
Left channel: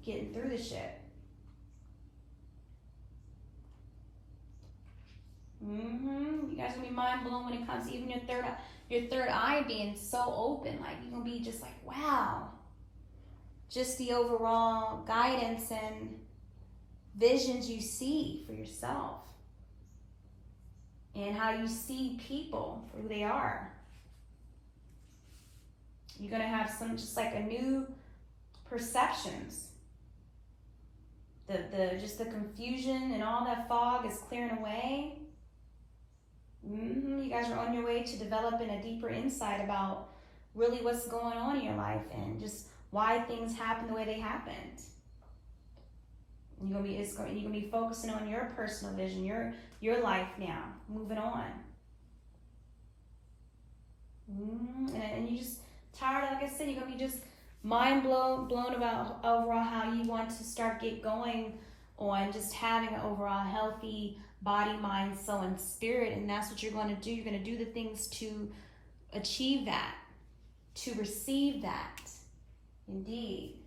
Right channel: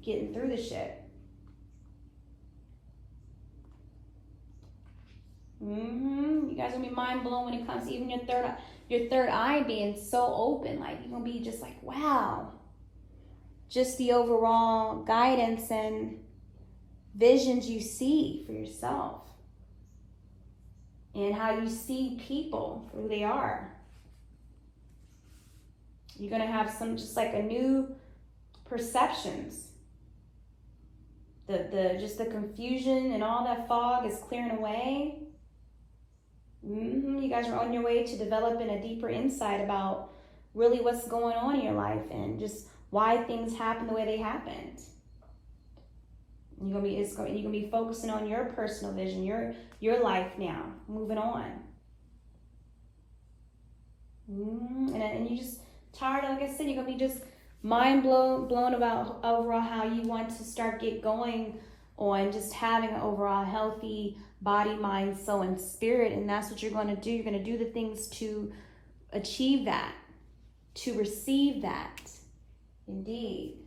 getting through the shit. You guys are gonna be mind blown when it comes to even your third eye being so open. Like you're gonna be just like, wow. Just the overall guidance and visions you see for yourself, and how you see people for who they are. You're gonna have some just like a new perceptions. Just the confusion and all that fog is clearing away. You guys are on your way to developing a deeper insight about really what's going on in your life and just why things happen the way they happened. You're gonna be focusing on your personal vision, your life now, moving on. And you just tired, like I said, you're gonna be just mind blown about overall how you want to start get going on just having an overall healthy body, mind, soul, and spirit. And that's what you're going to do. You're going to do the things to achieve that, to receive that. Indeed.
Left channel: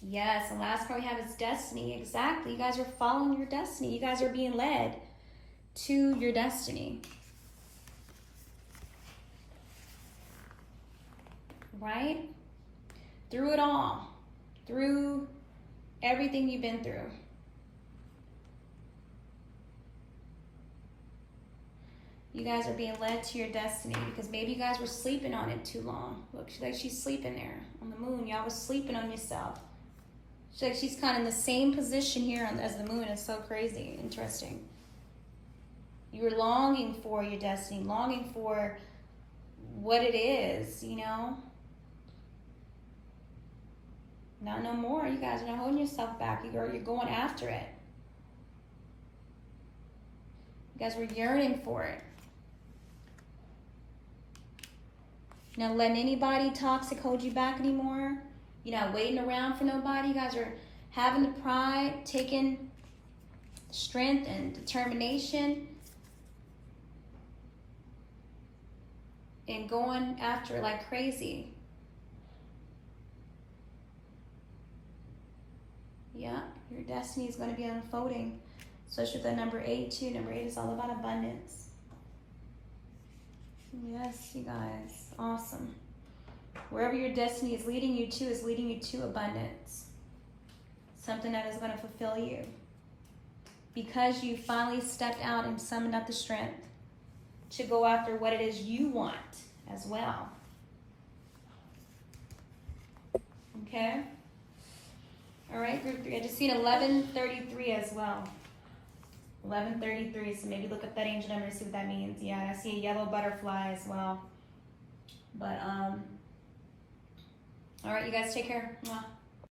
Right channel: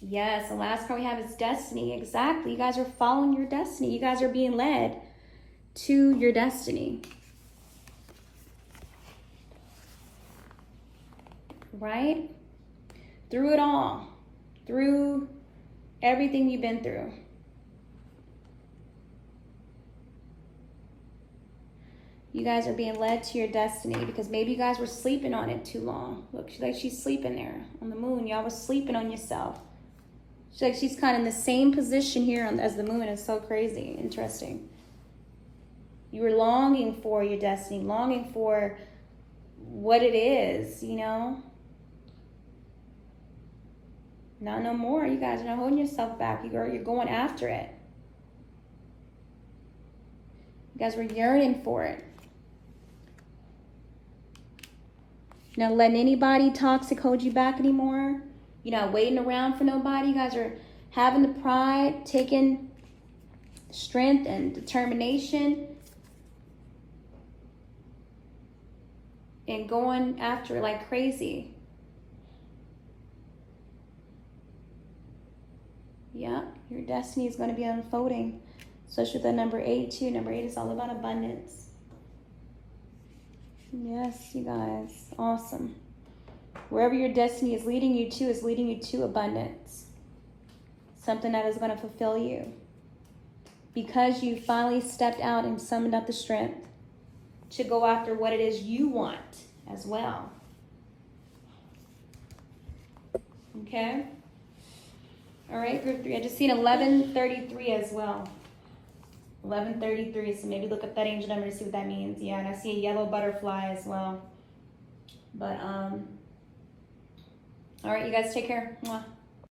Yes, the last card we have is destiny. Exactly. You guys are following your destiny. You guys are being led to your destiny. Right? Through it all. Through everything you've been through. You guys are being led to your destiny because maybe you guys were sleeping on it too long. Look, she's sleeping there on the moon. Y'all was sleeping on yourself. She's kind of in the same position here as the moon. It's so crazy. Interesting. You were longing for your destiny, longing for what it is, you know? Not no more. You guys are not holding yourself back. You're going after it. You guys were yearning for it. Not letting anybody toxic hold you back anymore. You're not waiting around for nobody. You guys are having the pride, taking strength and determination, and going after it like crazy. Yeah, your destiny is going to be unfolding, especially with that number 8 too. Number 8 is all about abundance. Yes, you guys, awesome. Wherever your destiny is leading you to abundance. Something that is going to fulfill you. Because you finally stepped out and summoned up the strength to go after what it is you want as well. Okay? All right, group 3. I just seen 1133 as well. 1133, so maybe look up that angel number to see what that means. Yeah, and I see a yellow butterfly as well. But, all right, you guys take care. Mwah.